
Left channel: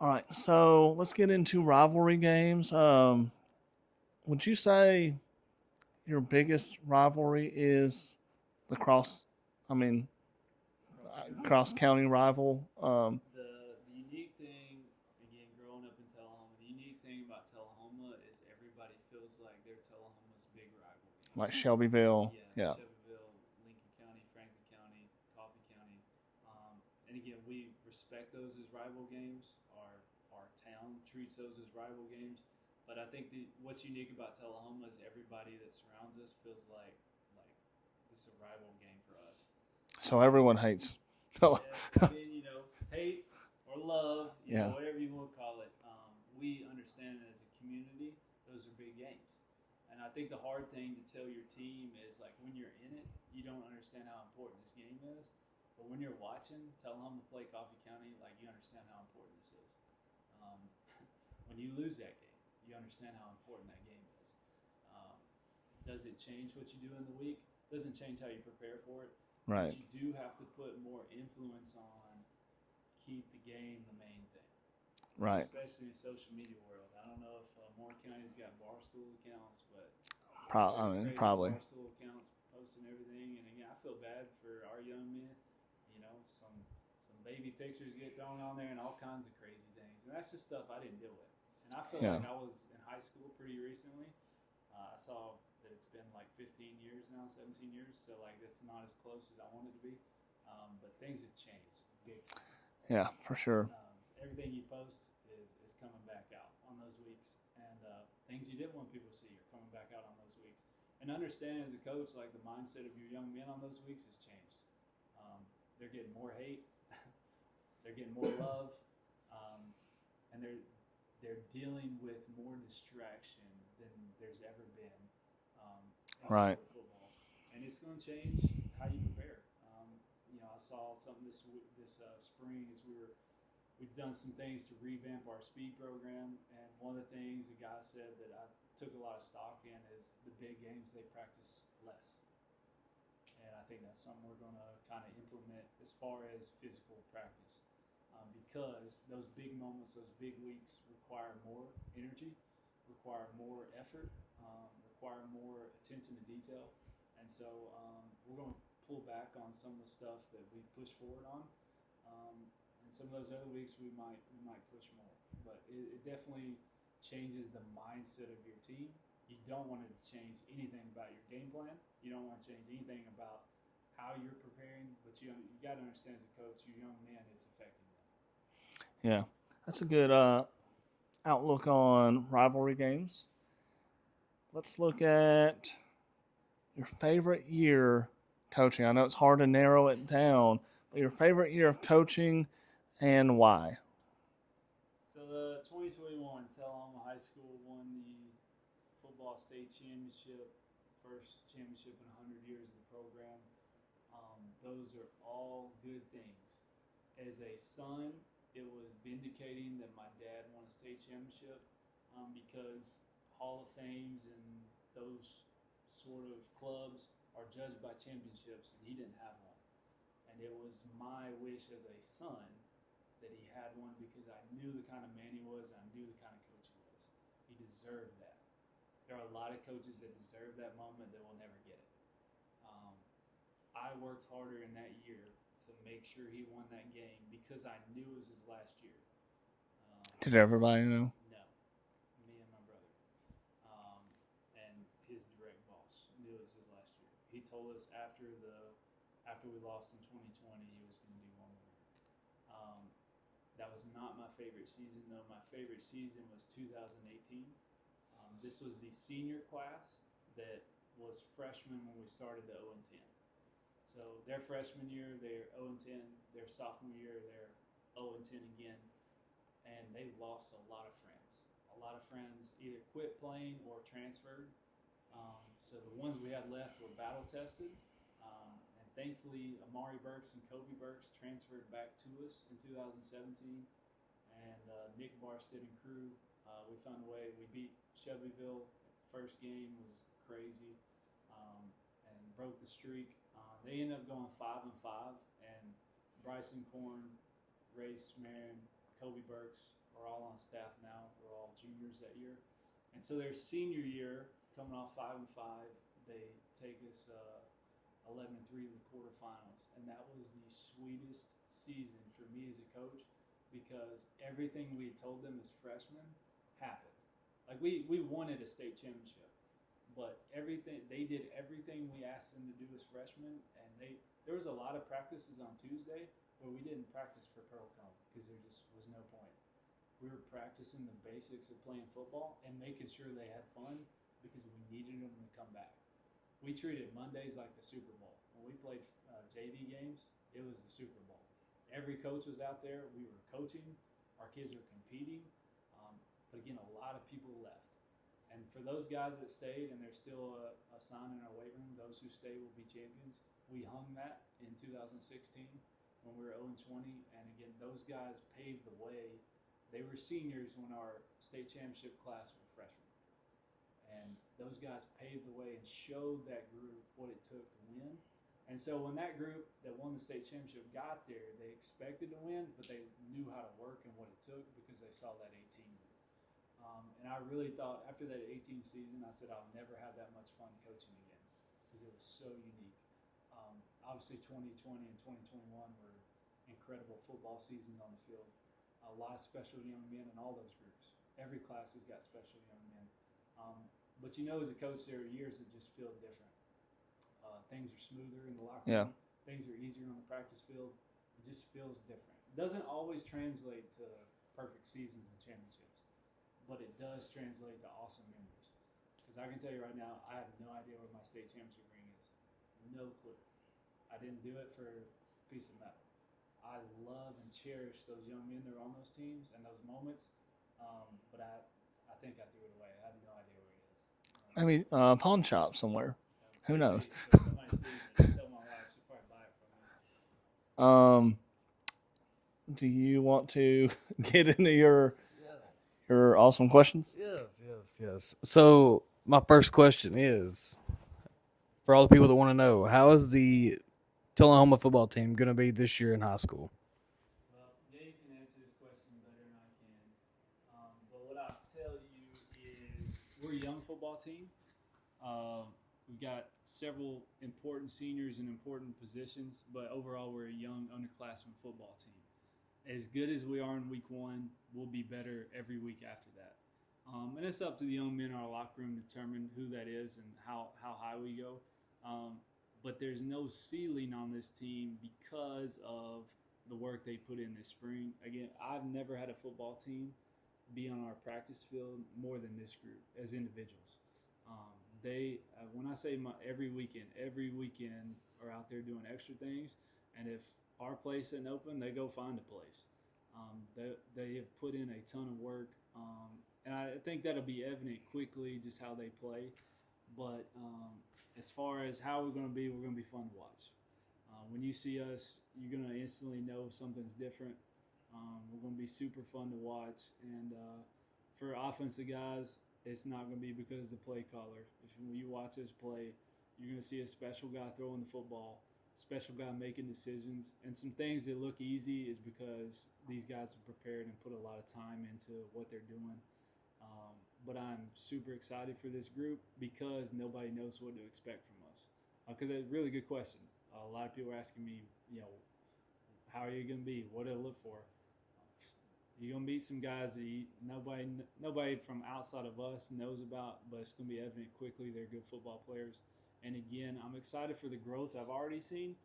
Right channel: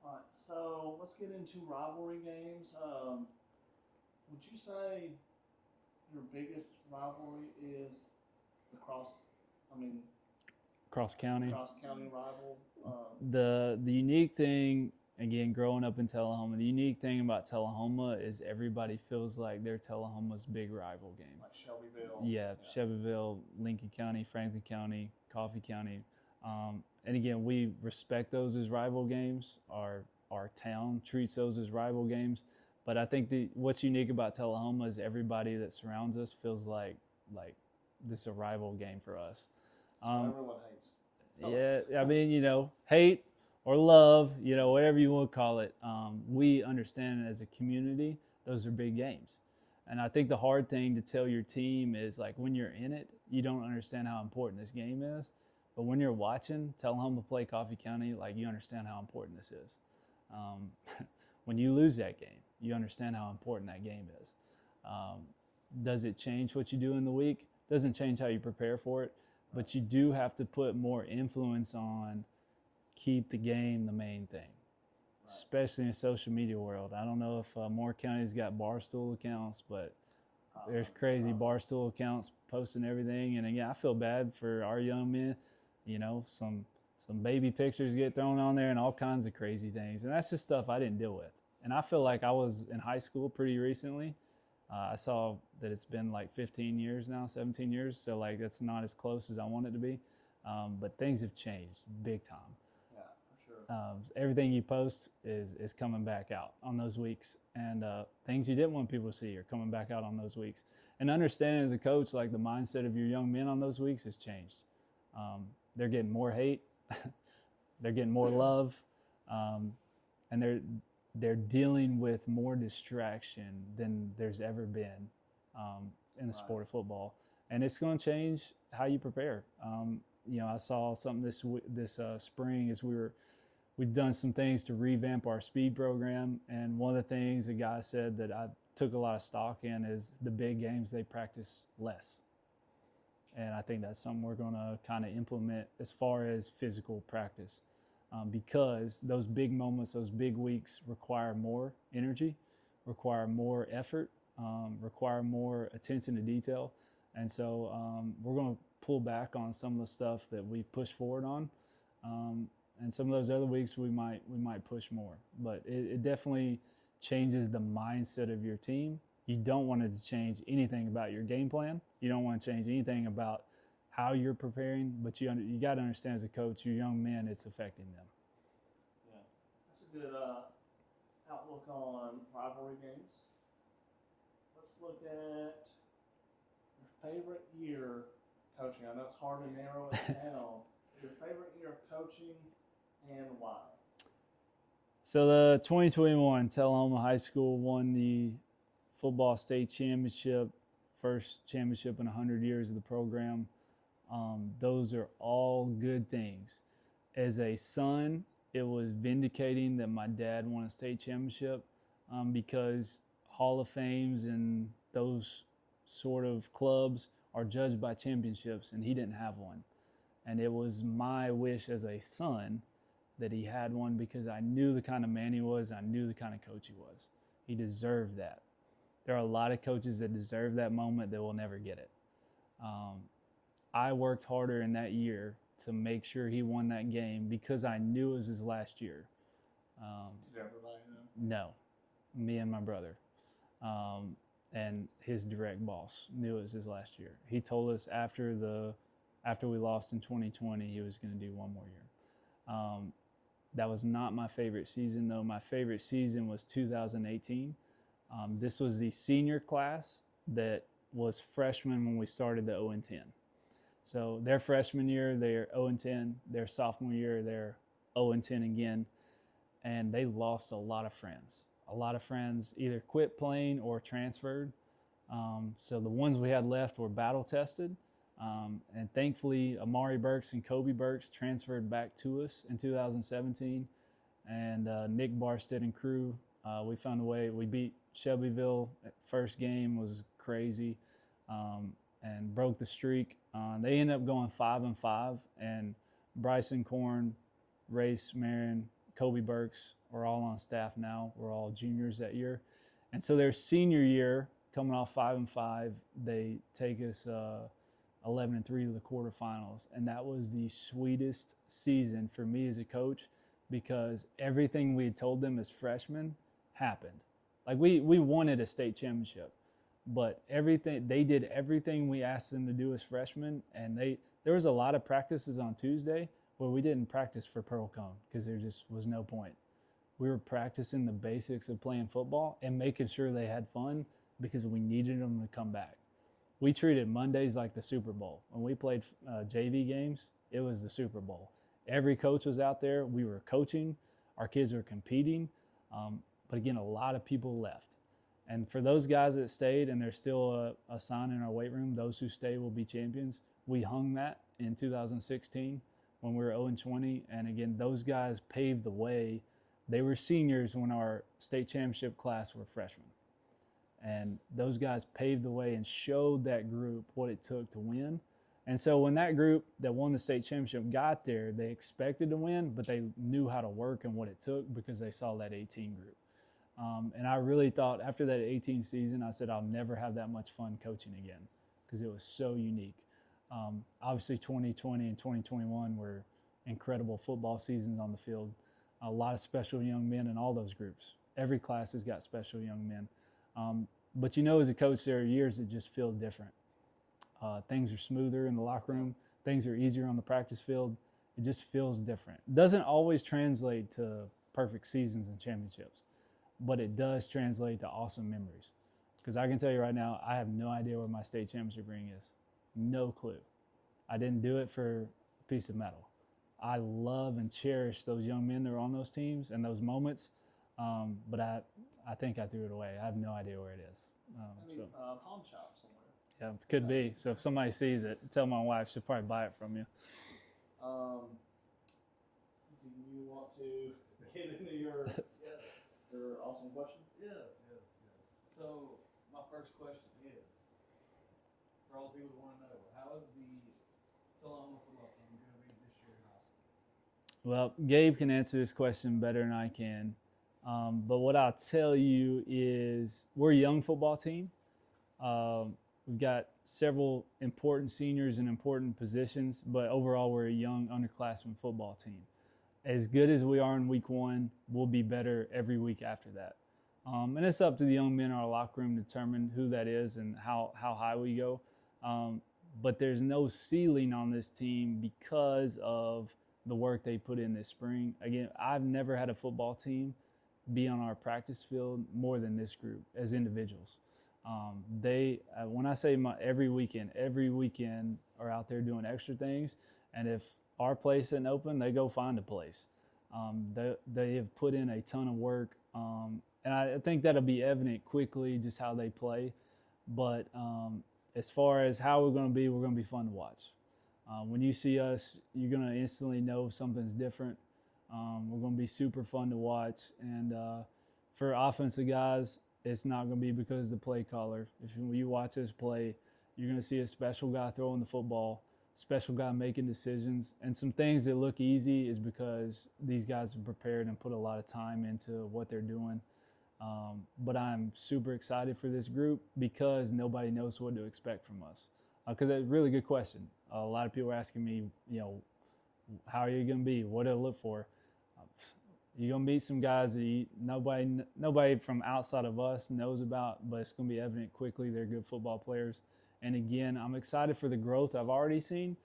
All right, so let's get into rivalry games. Would you say your biggest rivalry is the cross county rival? The unique thing, again, growing up in Tullahoma, the unique thing about Tullahoma is everybody feels like they're Tullahoma's big rival game. Like Shelbyville. Yeah. Shelbyville, Lincoln County, Franklin County, Coffee County. And again, we respect those as rival games. Our town treats those as rival games. But I think what's unique about Tullahoma is everybody that surrounds us feels like this is a rival game for us. So everyone hates. Yeah, I mean, hate or love, whatever you want to call it. We understand as a community, those are big games. And I think the hard thing to tell your team is when you're in it, you don't understand how important this game is. But when you're watching Tullahoma play Coffee County, you understand how important this is. When you lose that game, you understand how important that game is. Does it change what you do in the week? Doesn't change how you prepare for it, Right. but you do have to put more influence on keep the game the main thing. Right. Especially in the social media world. I don't know if Moore County's got Barstool accounts, but there's crazy probably. Barstool accounts posting everything. And again, I feel bad for our young men. You know, some baby pictures get thrown on there and all kinds of crazy things. And that's just stuff I didn't deal with. And I feel like I was in high school pretty recently. I saw that it's been like 15 years now, 17 years. So like it's not as close as I want it to be. But things have changed big time. Yeah, for sure. Everything you post is coming back out on those weeks, and things you didn't want people to see are coming back out on those weeks. And understanding as a coach, like the mindset of your young men on those weeks has changed. They're getting more hate, they're getting more love, and they're dealing with more distraction than there's ever been in the sport of football, and it's going to change how you prepare. You know, I saw something this spring as we've done some things to revamp our speed program, and one of the things a guy said that I took a lot of stock in is the big games they practice less, and I think that's something we're going to kind of implement as far as physical practice, because those big moments, those big weeks require more energy, require more effort, require more attention to detail, and so we're going to pull back on some of the stuff that we push forward on, and some of those other weeks we might push more. But it definitely changes the mindset of your team. You don't want it to change anything about your game plan. You don't want to change anything about how you're preparing. But you got to understand as a coach, your young men, it's affecting them. Yeah, that's a good outlook on rivalry games. Let's look at your favorite year coaching. I know it's hard to narrow it down, but your favorite year of coaching and why? So the 2021 Tullahoma High School won the football state championship, first championship in 100 years of the program. Those are all good things. As a son, it was vindicating that my dad won a state championship, because Hall of Fames and those sort of clubs are judged by championships, and he didn't have one. And it was my wish as a son that he had one, because I knew the kind of man he was. I knew the kind of coach he was. He deserved that. There are a lot of coaches that deserve that moment that will never get it. I worked harder in that year to make sure he won that game because I knew it was his last year. Did everybody know? No, me and my brother. And his direct boss knew it was his last year. He told us after we lost in 2020, he was going to do one more year. That was not my favorite season, though. My favorite season was 2018. This was the senior class that was freshmen when we started the 0-10. So their freshman year, they're 0-10. Their sophomore year, they're 0-10 again. And they lost a lot of friends. A lot of friends either quit playing or transferred. So the ones we had left were battle tested. And thankfully, Amari Burks and Kobe Burks transferred back to us in 2017. And Nick Barstead and crew, we found a way. We beat Shelbyville. First game was crazy, and broke the streak. They ended up going 5-5, and Bryson Korn, Race Marin, Kobe Burks are all on staff now. We're all juniors that year. And so their senior year, coming off 5-5, they take us 11-3 to the quarterfinals. And that was the sweetest season for me as a coach, because everything we had told them as freshmen happened. Like we wanted a state championship, but they did everything we asked them to do as freshmen. And there was a lot of practices on Tuesday where we didn't practice for Pearl Cone because there just was no point. We were practicing the basics of playing football and making sure they had fun because we needed them to come back. We treated Mondays like the Super Bowl. When we played JV games, it was the Super Bowl. Every coach was out there. We were coaching. Our kids were competing. But again, a lot of people left. And for those guys that stayed, and there's still a sign in our weight room, those who stay will be champions. We hung that in 2016 when we were 0-20. And again, those guys paved the way They were seniors when our state championship class were freshmen. And those guys paved the way and showed that group what it took to win. And so when that group that won the state championship got there, they expected to win, but they knew how to work and what it took because they saw that 18 group. And I really thought after that 18 season, I said, I'll never have that much fun coaching again because it was so unique. Obviously, 2020 and 2021 were incredible football seasons on the field. A lot of special young men in all those groups. Every class has got special young men. But as a coach, there are years that just feel different. Things are smoother in the locker room. Things are easier on the practice field. It just feels different. It doesn't always translate to perfect seasons and championships, but it does translate to awesome memories. Because I can tell you right now, I have no idea where my state championship ring is. No clue. I didn't do it for a piece of metal. I love and cherish those young men that are on those teams and those moments, but I think I threw it away. I have no idea where it is. Pawn shop somewhere. Yeah, Who could knows? be. So if somebody sees it, tell my wife. She'll probably buy it from you. Do you want to get into your awesome questions? Yes. So my first question is, for all the people that want to know, how is the Tullahoma football team going to be this year in high school? Well, Gabe can answer this question better than I can. But what I'll tell you is we're a young football team. We've got several important seniors in important positions, but overall we're a young underclassmen football team. As good as we are in week one, we'll be better every week after that. And it's up to the young men in our locker room to determine who that is and how high we go. But there's no ceiling on this team because of the work they put in this spring. Again, I've never had a football team be on our practice field more than this group as individuals. When I say every weekend are out there doing extra things, and if our place isn't open, they go find a place. They have put in a ton of work, and I think that'll be evident quickly just how they play. But as far as how we're going to be fun to watch. When you see us, you're going to instantly know something's different. We're going to be super fun to watch. And for offensive guys, it's not going to be because of the play caller. If you watch us play, you're going to see a special guy throwing the football, special guy making decisions. And some things that look easy is because these guys have prepared and put a lot of time into what they're doing. But I'm super excited for this group because nobody knows what to expect from us. Because it's a really good question. A lot of people are asking me, how are you going to be? What do I look for? You're going to meet some guys that nobody from outside of us knows about, but it's going to be evident quickly they're good football players. And again, I'm excited for the growth I've already seen,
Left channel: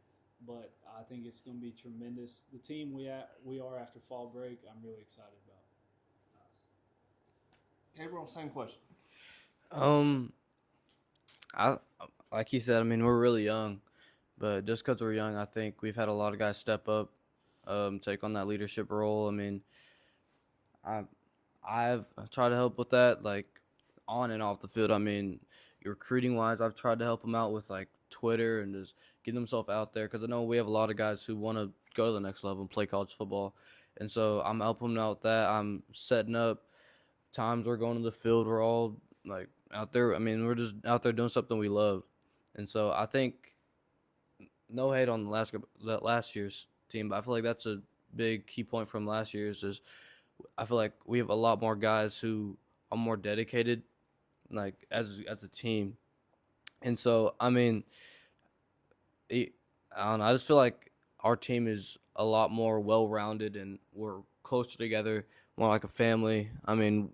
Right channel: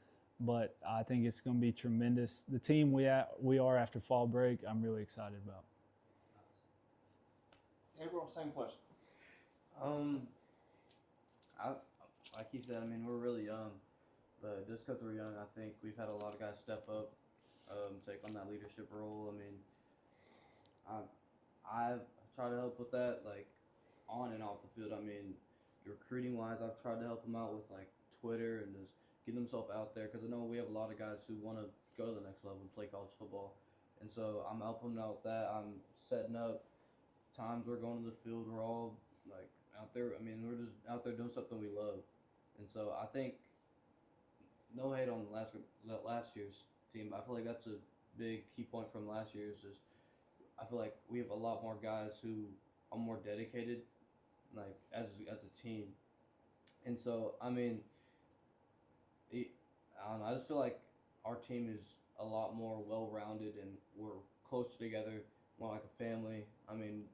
but I think it's going to be tremendous. The team we are after fall break, I'm really excited about. Gabriel, same question. I like you said. I mean, we're really young, but just because we're young, I think we've had a lot of guys step up, take on that leadership role. I mean, I've tried to help with that, like on and off the field. I mean, recruiting wise, I've tried to help them out with like Twitter and just get themselves out there because I know we have a lot of guys who want to go to the next level and play college football, and so I'm helping them out with that. I'm setting up times we're going to the field. We're all like out there. I mean, we're just out there doing something we love, and so I think no hate on that last year's team, but I feel like that's a big key point from last year's is I feel like we have a lot more guys who are more dedicated, like as a team, and so I mean, I don't know. I just feel like our team is a lot more well-rounded and we're closer together, more like a family. I mean,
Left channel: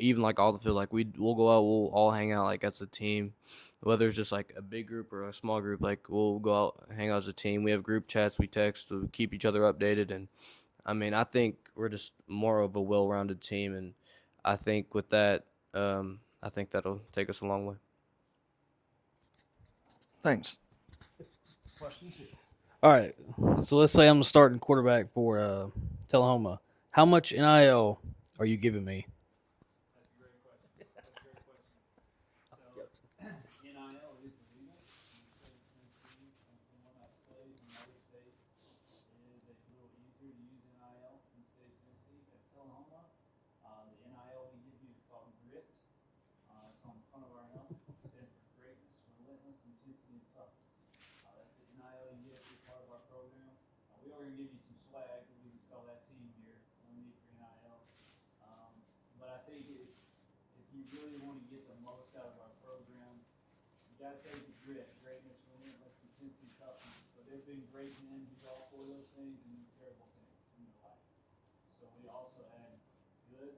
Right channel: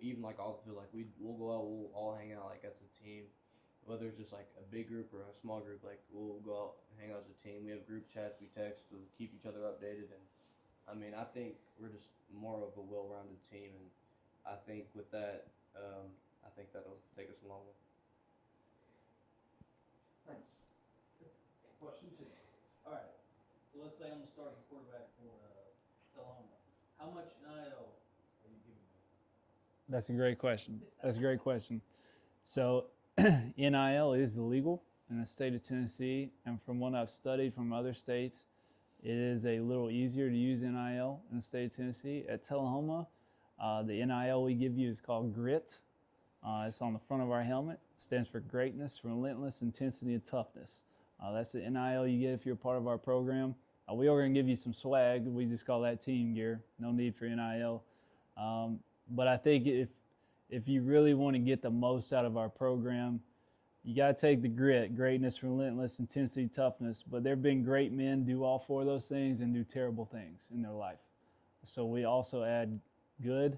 even like all the field, like we'll go out, we'll all hang out like as a team, whether it's just like a big group or a small group. Like we'll go out, hang out as a team. We have group chats, we text, we keep each other updated, and I mean, I think we're just more of a well-rounded team, and I think with that, I think that'll take us a long way. Thanks. Question 2. All right. So let's say I'm a starting quarterback for Tullahoma. How much NIL are you giving me? That's a great question. So NIL is illegal in the state of Tennessee, and from what I've studied from other states, It is a little easier to use NIL in the state of Tennessee. At Tullahoma, the NIL we give you is called GRIT. It's on the front of our helmet. It stands for greatness, relentless, intensity, and toughness. That's the NIL you get if you're part of our program. We are going to give you some swag. We just call that team gear. No need for NIL. But I think if you really want to get the most out of our program, you got to take the grit, greatness, relentless, intensity, toughness. But there have been great men do all four of those things and do terrible things in their life. So we also add good,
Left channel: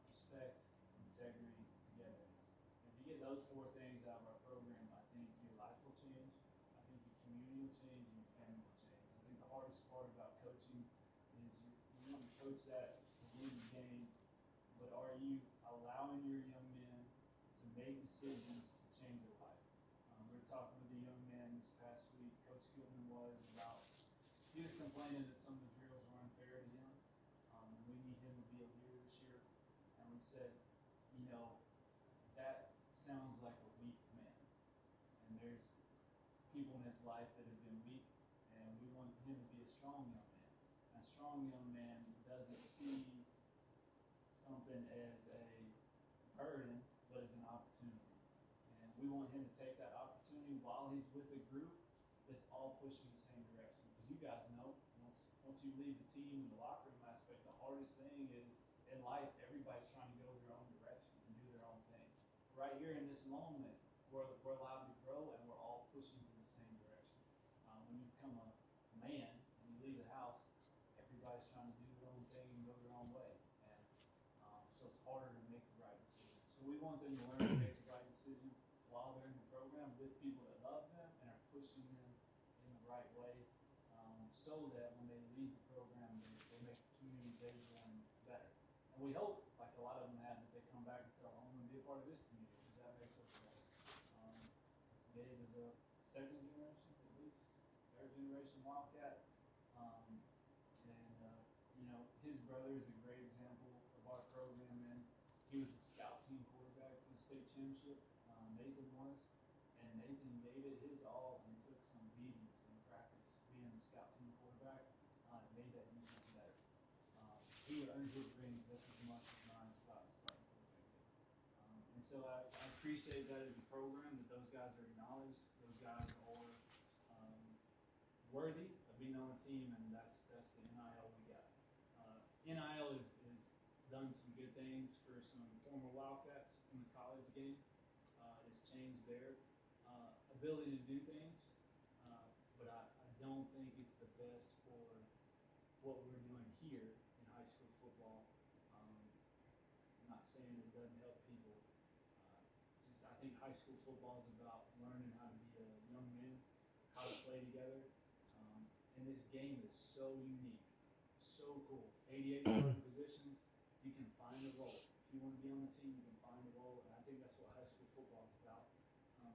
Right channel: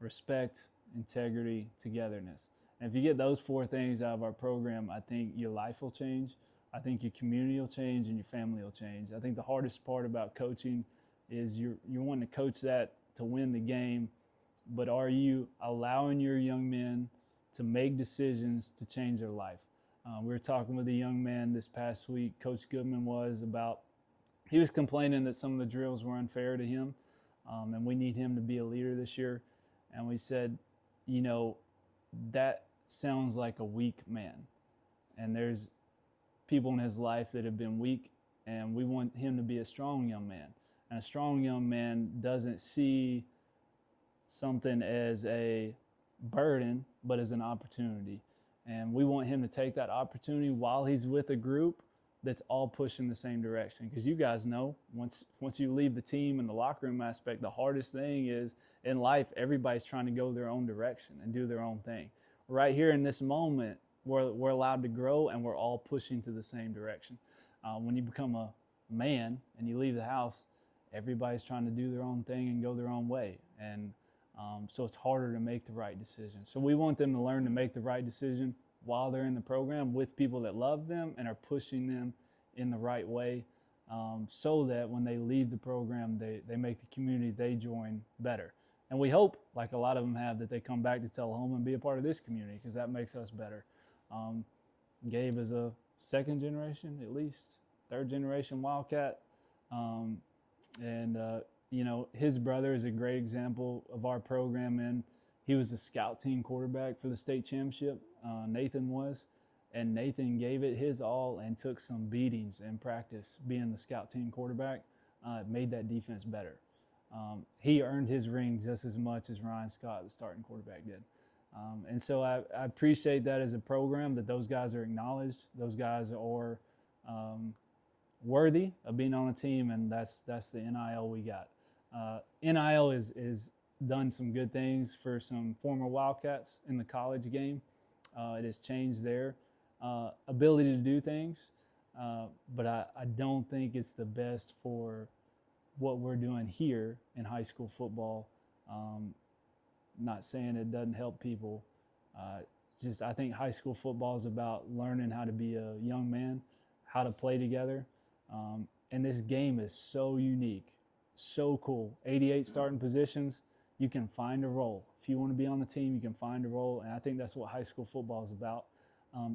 respect, integrity, togetherness. And if you get those four things out of our program, I think your life will change. I think your community will change and your family will change. I think the hardest part about coaching is you're wanting to coach that to win the game, but are you allowing your young men to make decisions to change their life? We were talking with a young man this past week, Coach Goodman he was complaining that some of the drills were unfair to him, and we need him to be a leader this year. And we said, that sounds like a weak man. And there's people in his life that have been weak, and we want him to be a strong young man. And a strong young man doesn't see something as a burden, but as an opportunity. And we want him to take that opportunity while he's with a group that's all pushing the same direction. Because you guys know, once you leave the team and the locker room aspect, the hardest thing is in life, everybody's trying to go their own direction and do their own thing. Right here in this moment, we're allowed to grow, and we're all pushing to the same direction. When you become a man and you leave the house, everybody's trying to do their own thing and go their own way. And so it's harder to make the right decision. So we want them to learn to make the right decision while they're in the program with people that love them and are pushing them in the right way, so that when they leave the program, they make the community they join better. And we hope, like a lot of them have, that they come back to Tullahoma and be a part of this community, because that makes us better. Gabe is a second generation, at least, third generation Wildcat. His brother is a great example of our program, and he was the scout team quarterback for the state championship. Nathan was, and Nathan gave it his all and took some beatings in practice being the scout team quarterback. It made that defense better. He earned his ring just as much as Ryan Scott, the starting quarterback, did. And so I appreciate that as a program, that those guys are acknowledged. Those guys are worthy of being on a team, and that's the NIL we got. NIL is done some good things for some former Wildcats in the college game. It has changed their ability to do things, but I don't think it's the best for what we're doing here in high school football. Not saying it doesn't help people. It's just, I think high school football is about learning how to be a young man, how to play together. And this game is so unique, so cool. 88 starting positions, you can find a role. If you want to be on the team, you can find a role. And I think that's what high school football is about.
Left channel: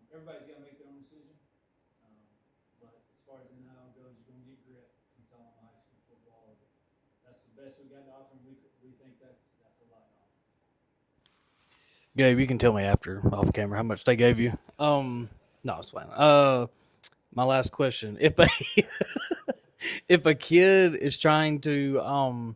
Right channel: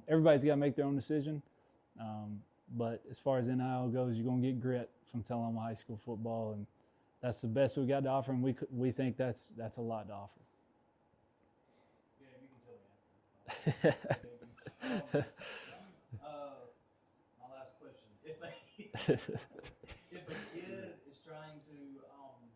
Everybody's got to make their own decision. But as far as NIL goes, you're going to get grit from Tullahoma High School football. And that's the best we got to offer. And we think that's a lot to offer. Gabe, you can tell me after off camera how much they gave you. No, it's fine. My last question: if a kid is trying to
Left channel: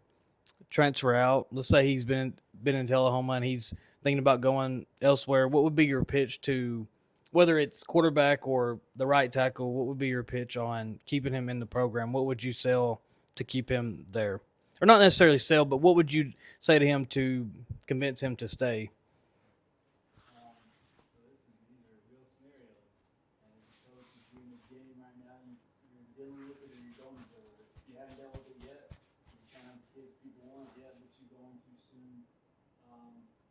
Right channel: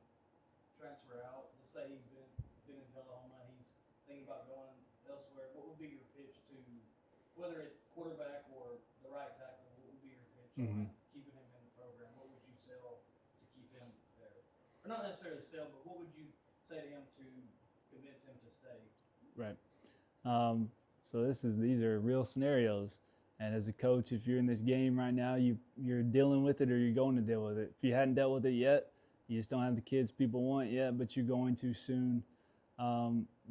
transfer out, let's say he's been in Tullahoma and he's thinking about going elsewhere, what would be your pitch to, whether it's quarterback or the right tackle? What would be your pitch on keeping him in the program? What would you sell to keep him there, or not necessarily sell, but what would you say to him to convince him to stay? Right. So these are real scenarios. And as a coach, if you're in this game right now, you're dealing with it, or you're going to deal with it. If you hadn't dealt with it yet, you just don't have the kids people want yet, but you're going to soon.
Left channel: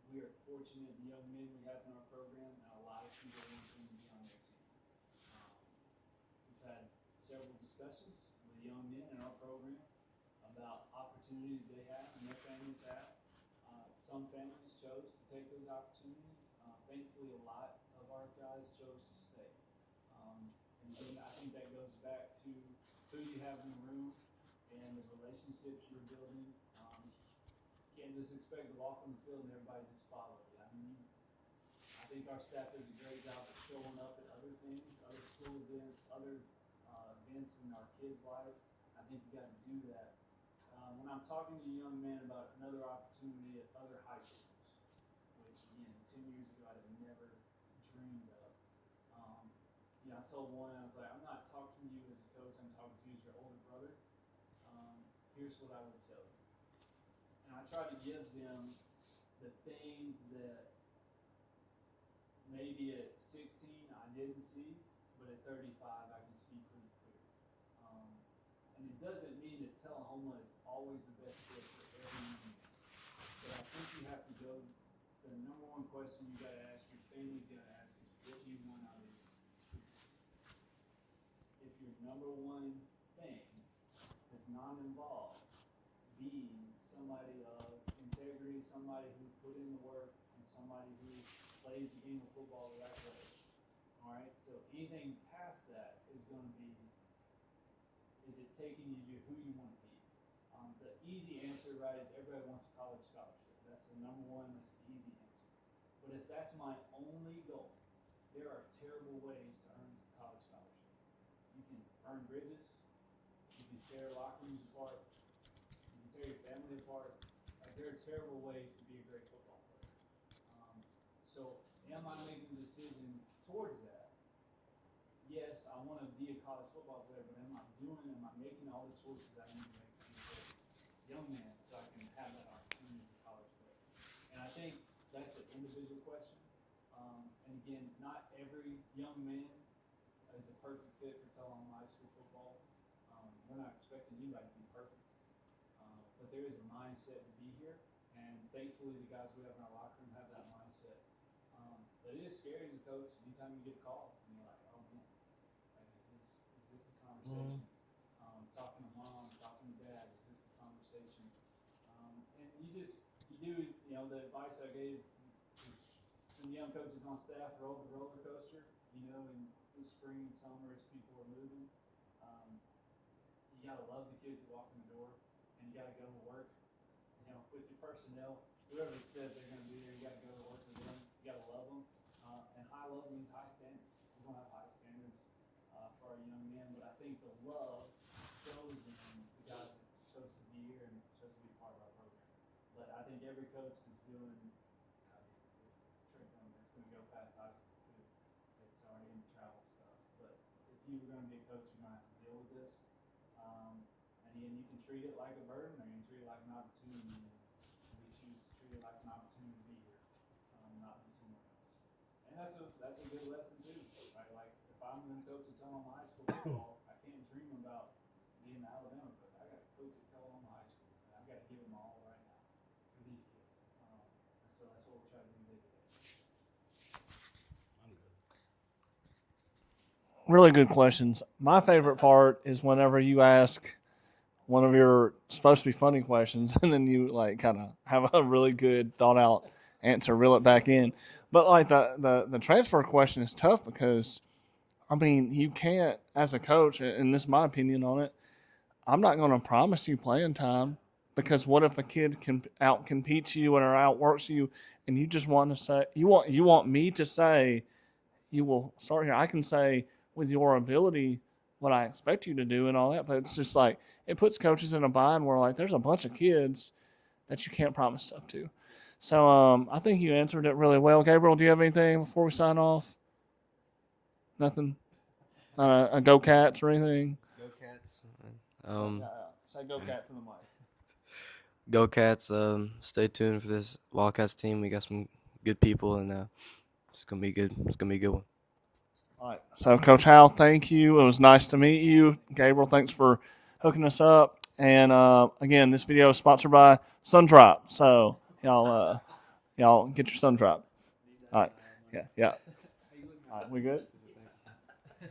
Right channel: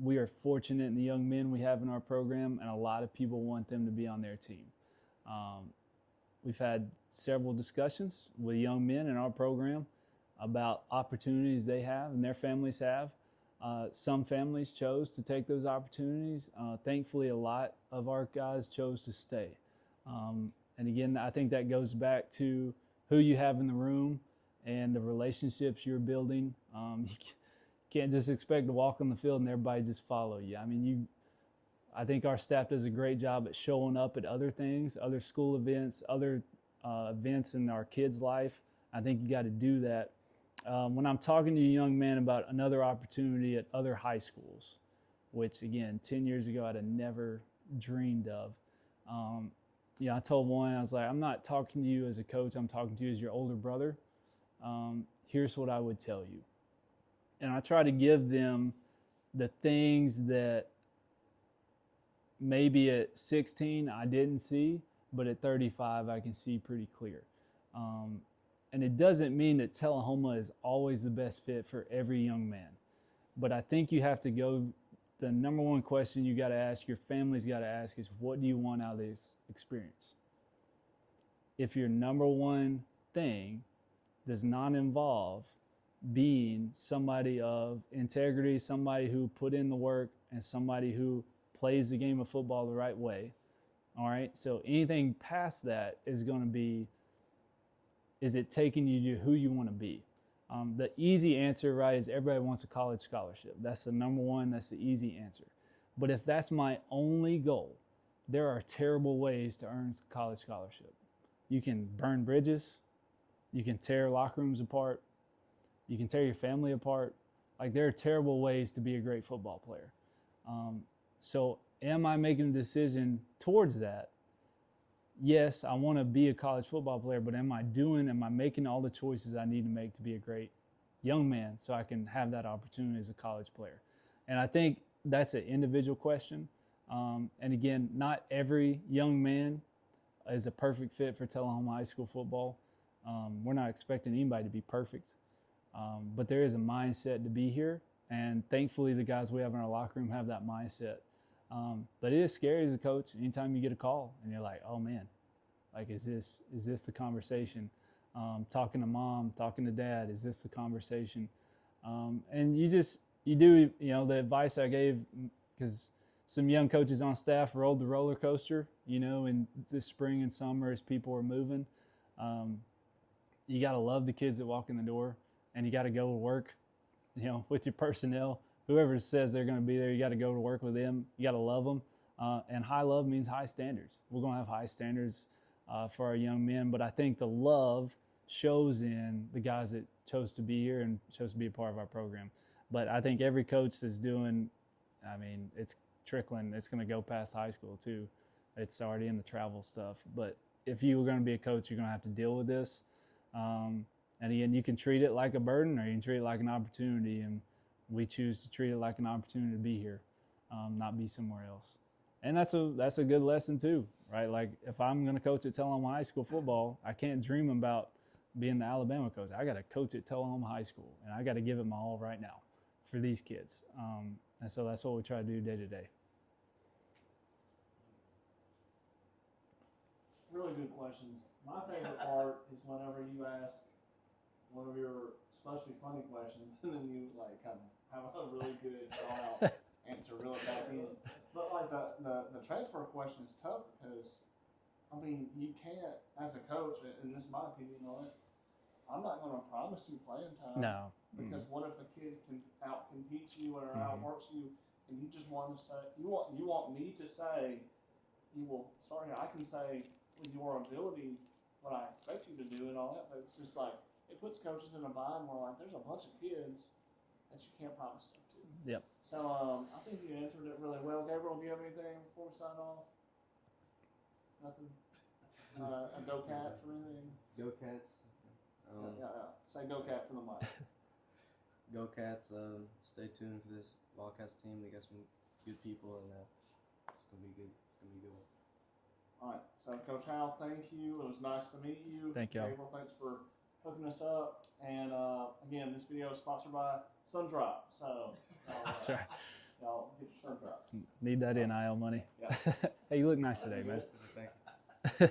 We are fortunate in the young men we have in our program, and a lot of people want them to be on their team. We've had several discussions with young men in our program about opportunities they have and their families have. Some families chose to take those opportunities. Thankfully, a lot of our guys chose to stay. And again, I think that goes back to who you have in the room and the relationships you're building. You can't just expect to walk on the field and everybody just follow you. I mean, I think our staff does a great job at showing up at other things, other school events, other events in our kids' life, I think you got to do that. When I'm talking to a young man about another opportunity at other high schools, which again, 10 years ago, I'd have never dreamed of. I told one, I was like, I'm not talking to you as a coach, I'm talking to you as your older brother. Here's what I would tell you. And I try to give them the things that maybe at 16 I didn't see, but at 35 I can see pretty clear. And it doesn't mean that Tullahoma is always the best fit for every young man. But I think you have to go, the number one question you got to ask, your family's got to ask is, what do you want out of this experience? If your number one thing does not involve being somebody of integrity, somebody who put in the work, and somebody who plays the game of football the right way, all right? So anything past that is going to be, is it taking you to who you want to be? The easy answer, right, is everybody wants a college scholarship. That's the number one, that's the easy answer. But if that's my only goal, there are terrible ways to earn a college scholarship. You can burn bridges, you can tear locker rooms apart, you can tear your family apart. Like, there are terrible ways to be a great football player. So am I making a decision towards that? Yes, I want to be a college football player, but am I making all the choices I need to make to be a great young man so I can have that opportunity as a college player? And I think that's an individual question. And again, not every young man is a perfect fit for Tullahoma High School football. We're not expecting anybody to be perfect, but there is a mindset to be here. And thankfully, the guys we have in our locker room have that mindset. But it is scary as a coach anytime you get a call and you're like, oh man, like, is this the conversation? Talking to mom, talking to dad, is this the conversation? And you do, the advice I gave, because some young coaches on staff rode the roller coaster, in this spring and summer as people were moving. You got to love the kids that walk in the door, and you got to go to work, with your personnel. Whoever says they're going to be there, you got to go to work with them. You got to love them. And high love means high standards. We're going to have high standards for our young men. But I think the love shows in the guys that chose to be here and chose to be a part of our program. But I think every coach that's doing, it's trickling. It's going to go past high school too. It's already in the travel stuff. But if you were going to be a coach, you're going to have to deal with this. And again, you can treat it like a burden or you can treat it like an opportunity. And we choose to treat it like an opportunity to be here, not be somewhere else. And that's a good lesson too, right? Like, if I'm going to coach at Tullahoma High School football, I can't dream about being the Alabama coach. I got to coach at Tullahoma High School, and I got to give it my all right now for these kids. And so that's what we try to do day to day. Really good questions. My favorite part is whenever you ask one of your supposed to be funny questions, and then you kind of have a really good thought out answer, reel it back in. But the transfer question is tough because, you can't, as a coach, and this is my opinion on it, I'm not going to promise you playing time. No. Because what if a kid can out-competes you or outworks you, and you just want to say, you want me to say, you will start here. I can say, with your ability, what I expect you to do and all that, but it's just like, it puts coaches in a bind where there's a bunch of kids that you can't promise stuff to. Yep. So I think you answered it really well. Gabriel, do you have anything before we sign off? Nothing? A Go Cats or anything? Go Cats. Say Go Cats in the mic. Go Cats. Stay tuned for this Wildcats team. We got some good people, and it's gonna be good. It's gonna be a good one. All right. So, Coach Howell, thank you. It was nice to meet you. Thank you. Gabriel, thanks for hooking us up. And again, this video is sponsored by Sundrop. So y'all get your Sundrop. Need that All right. NIL money. Yeah. Hey, you look nice today. We good? man.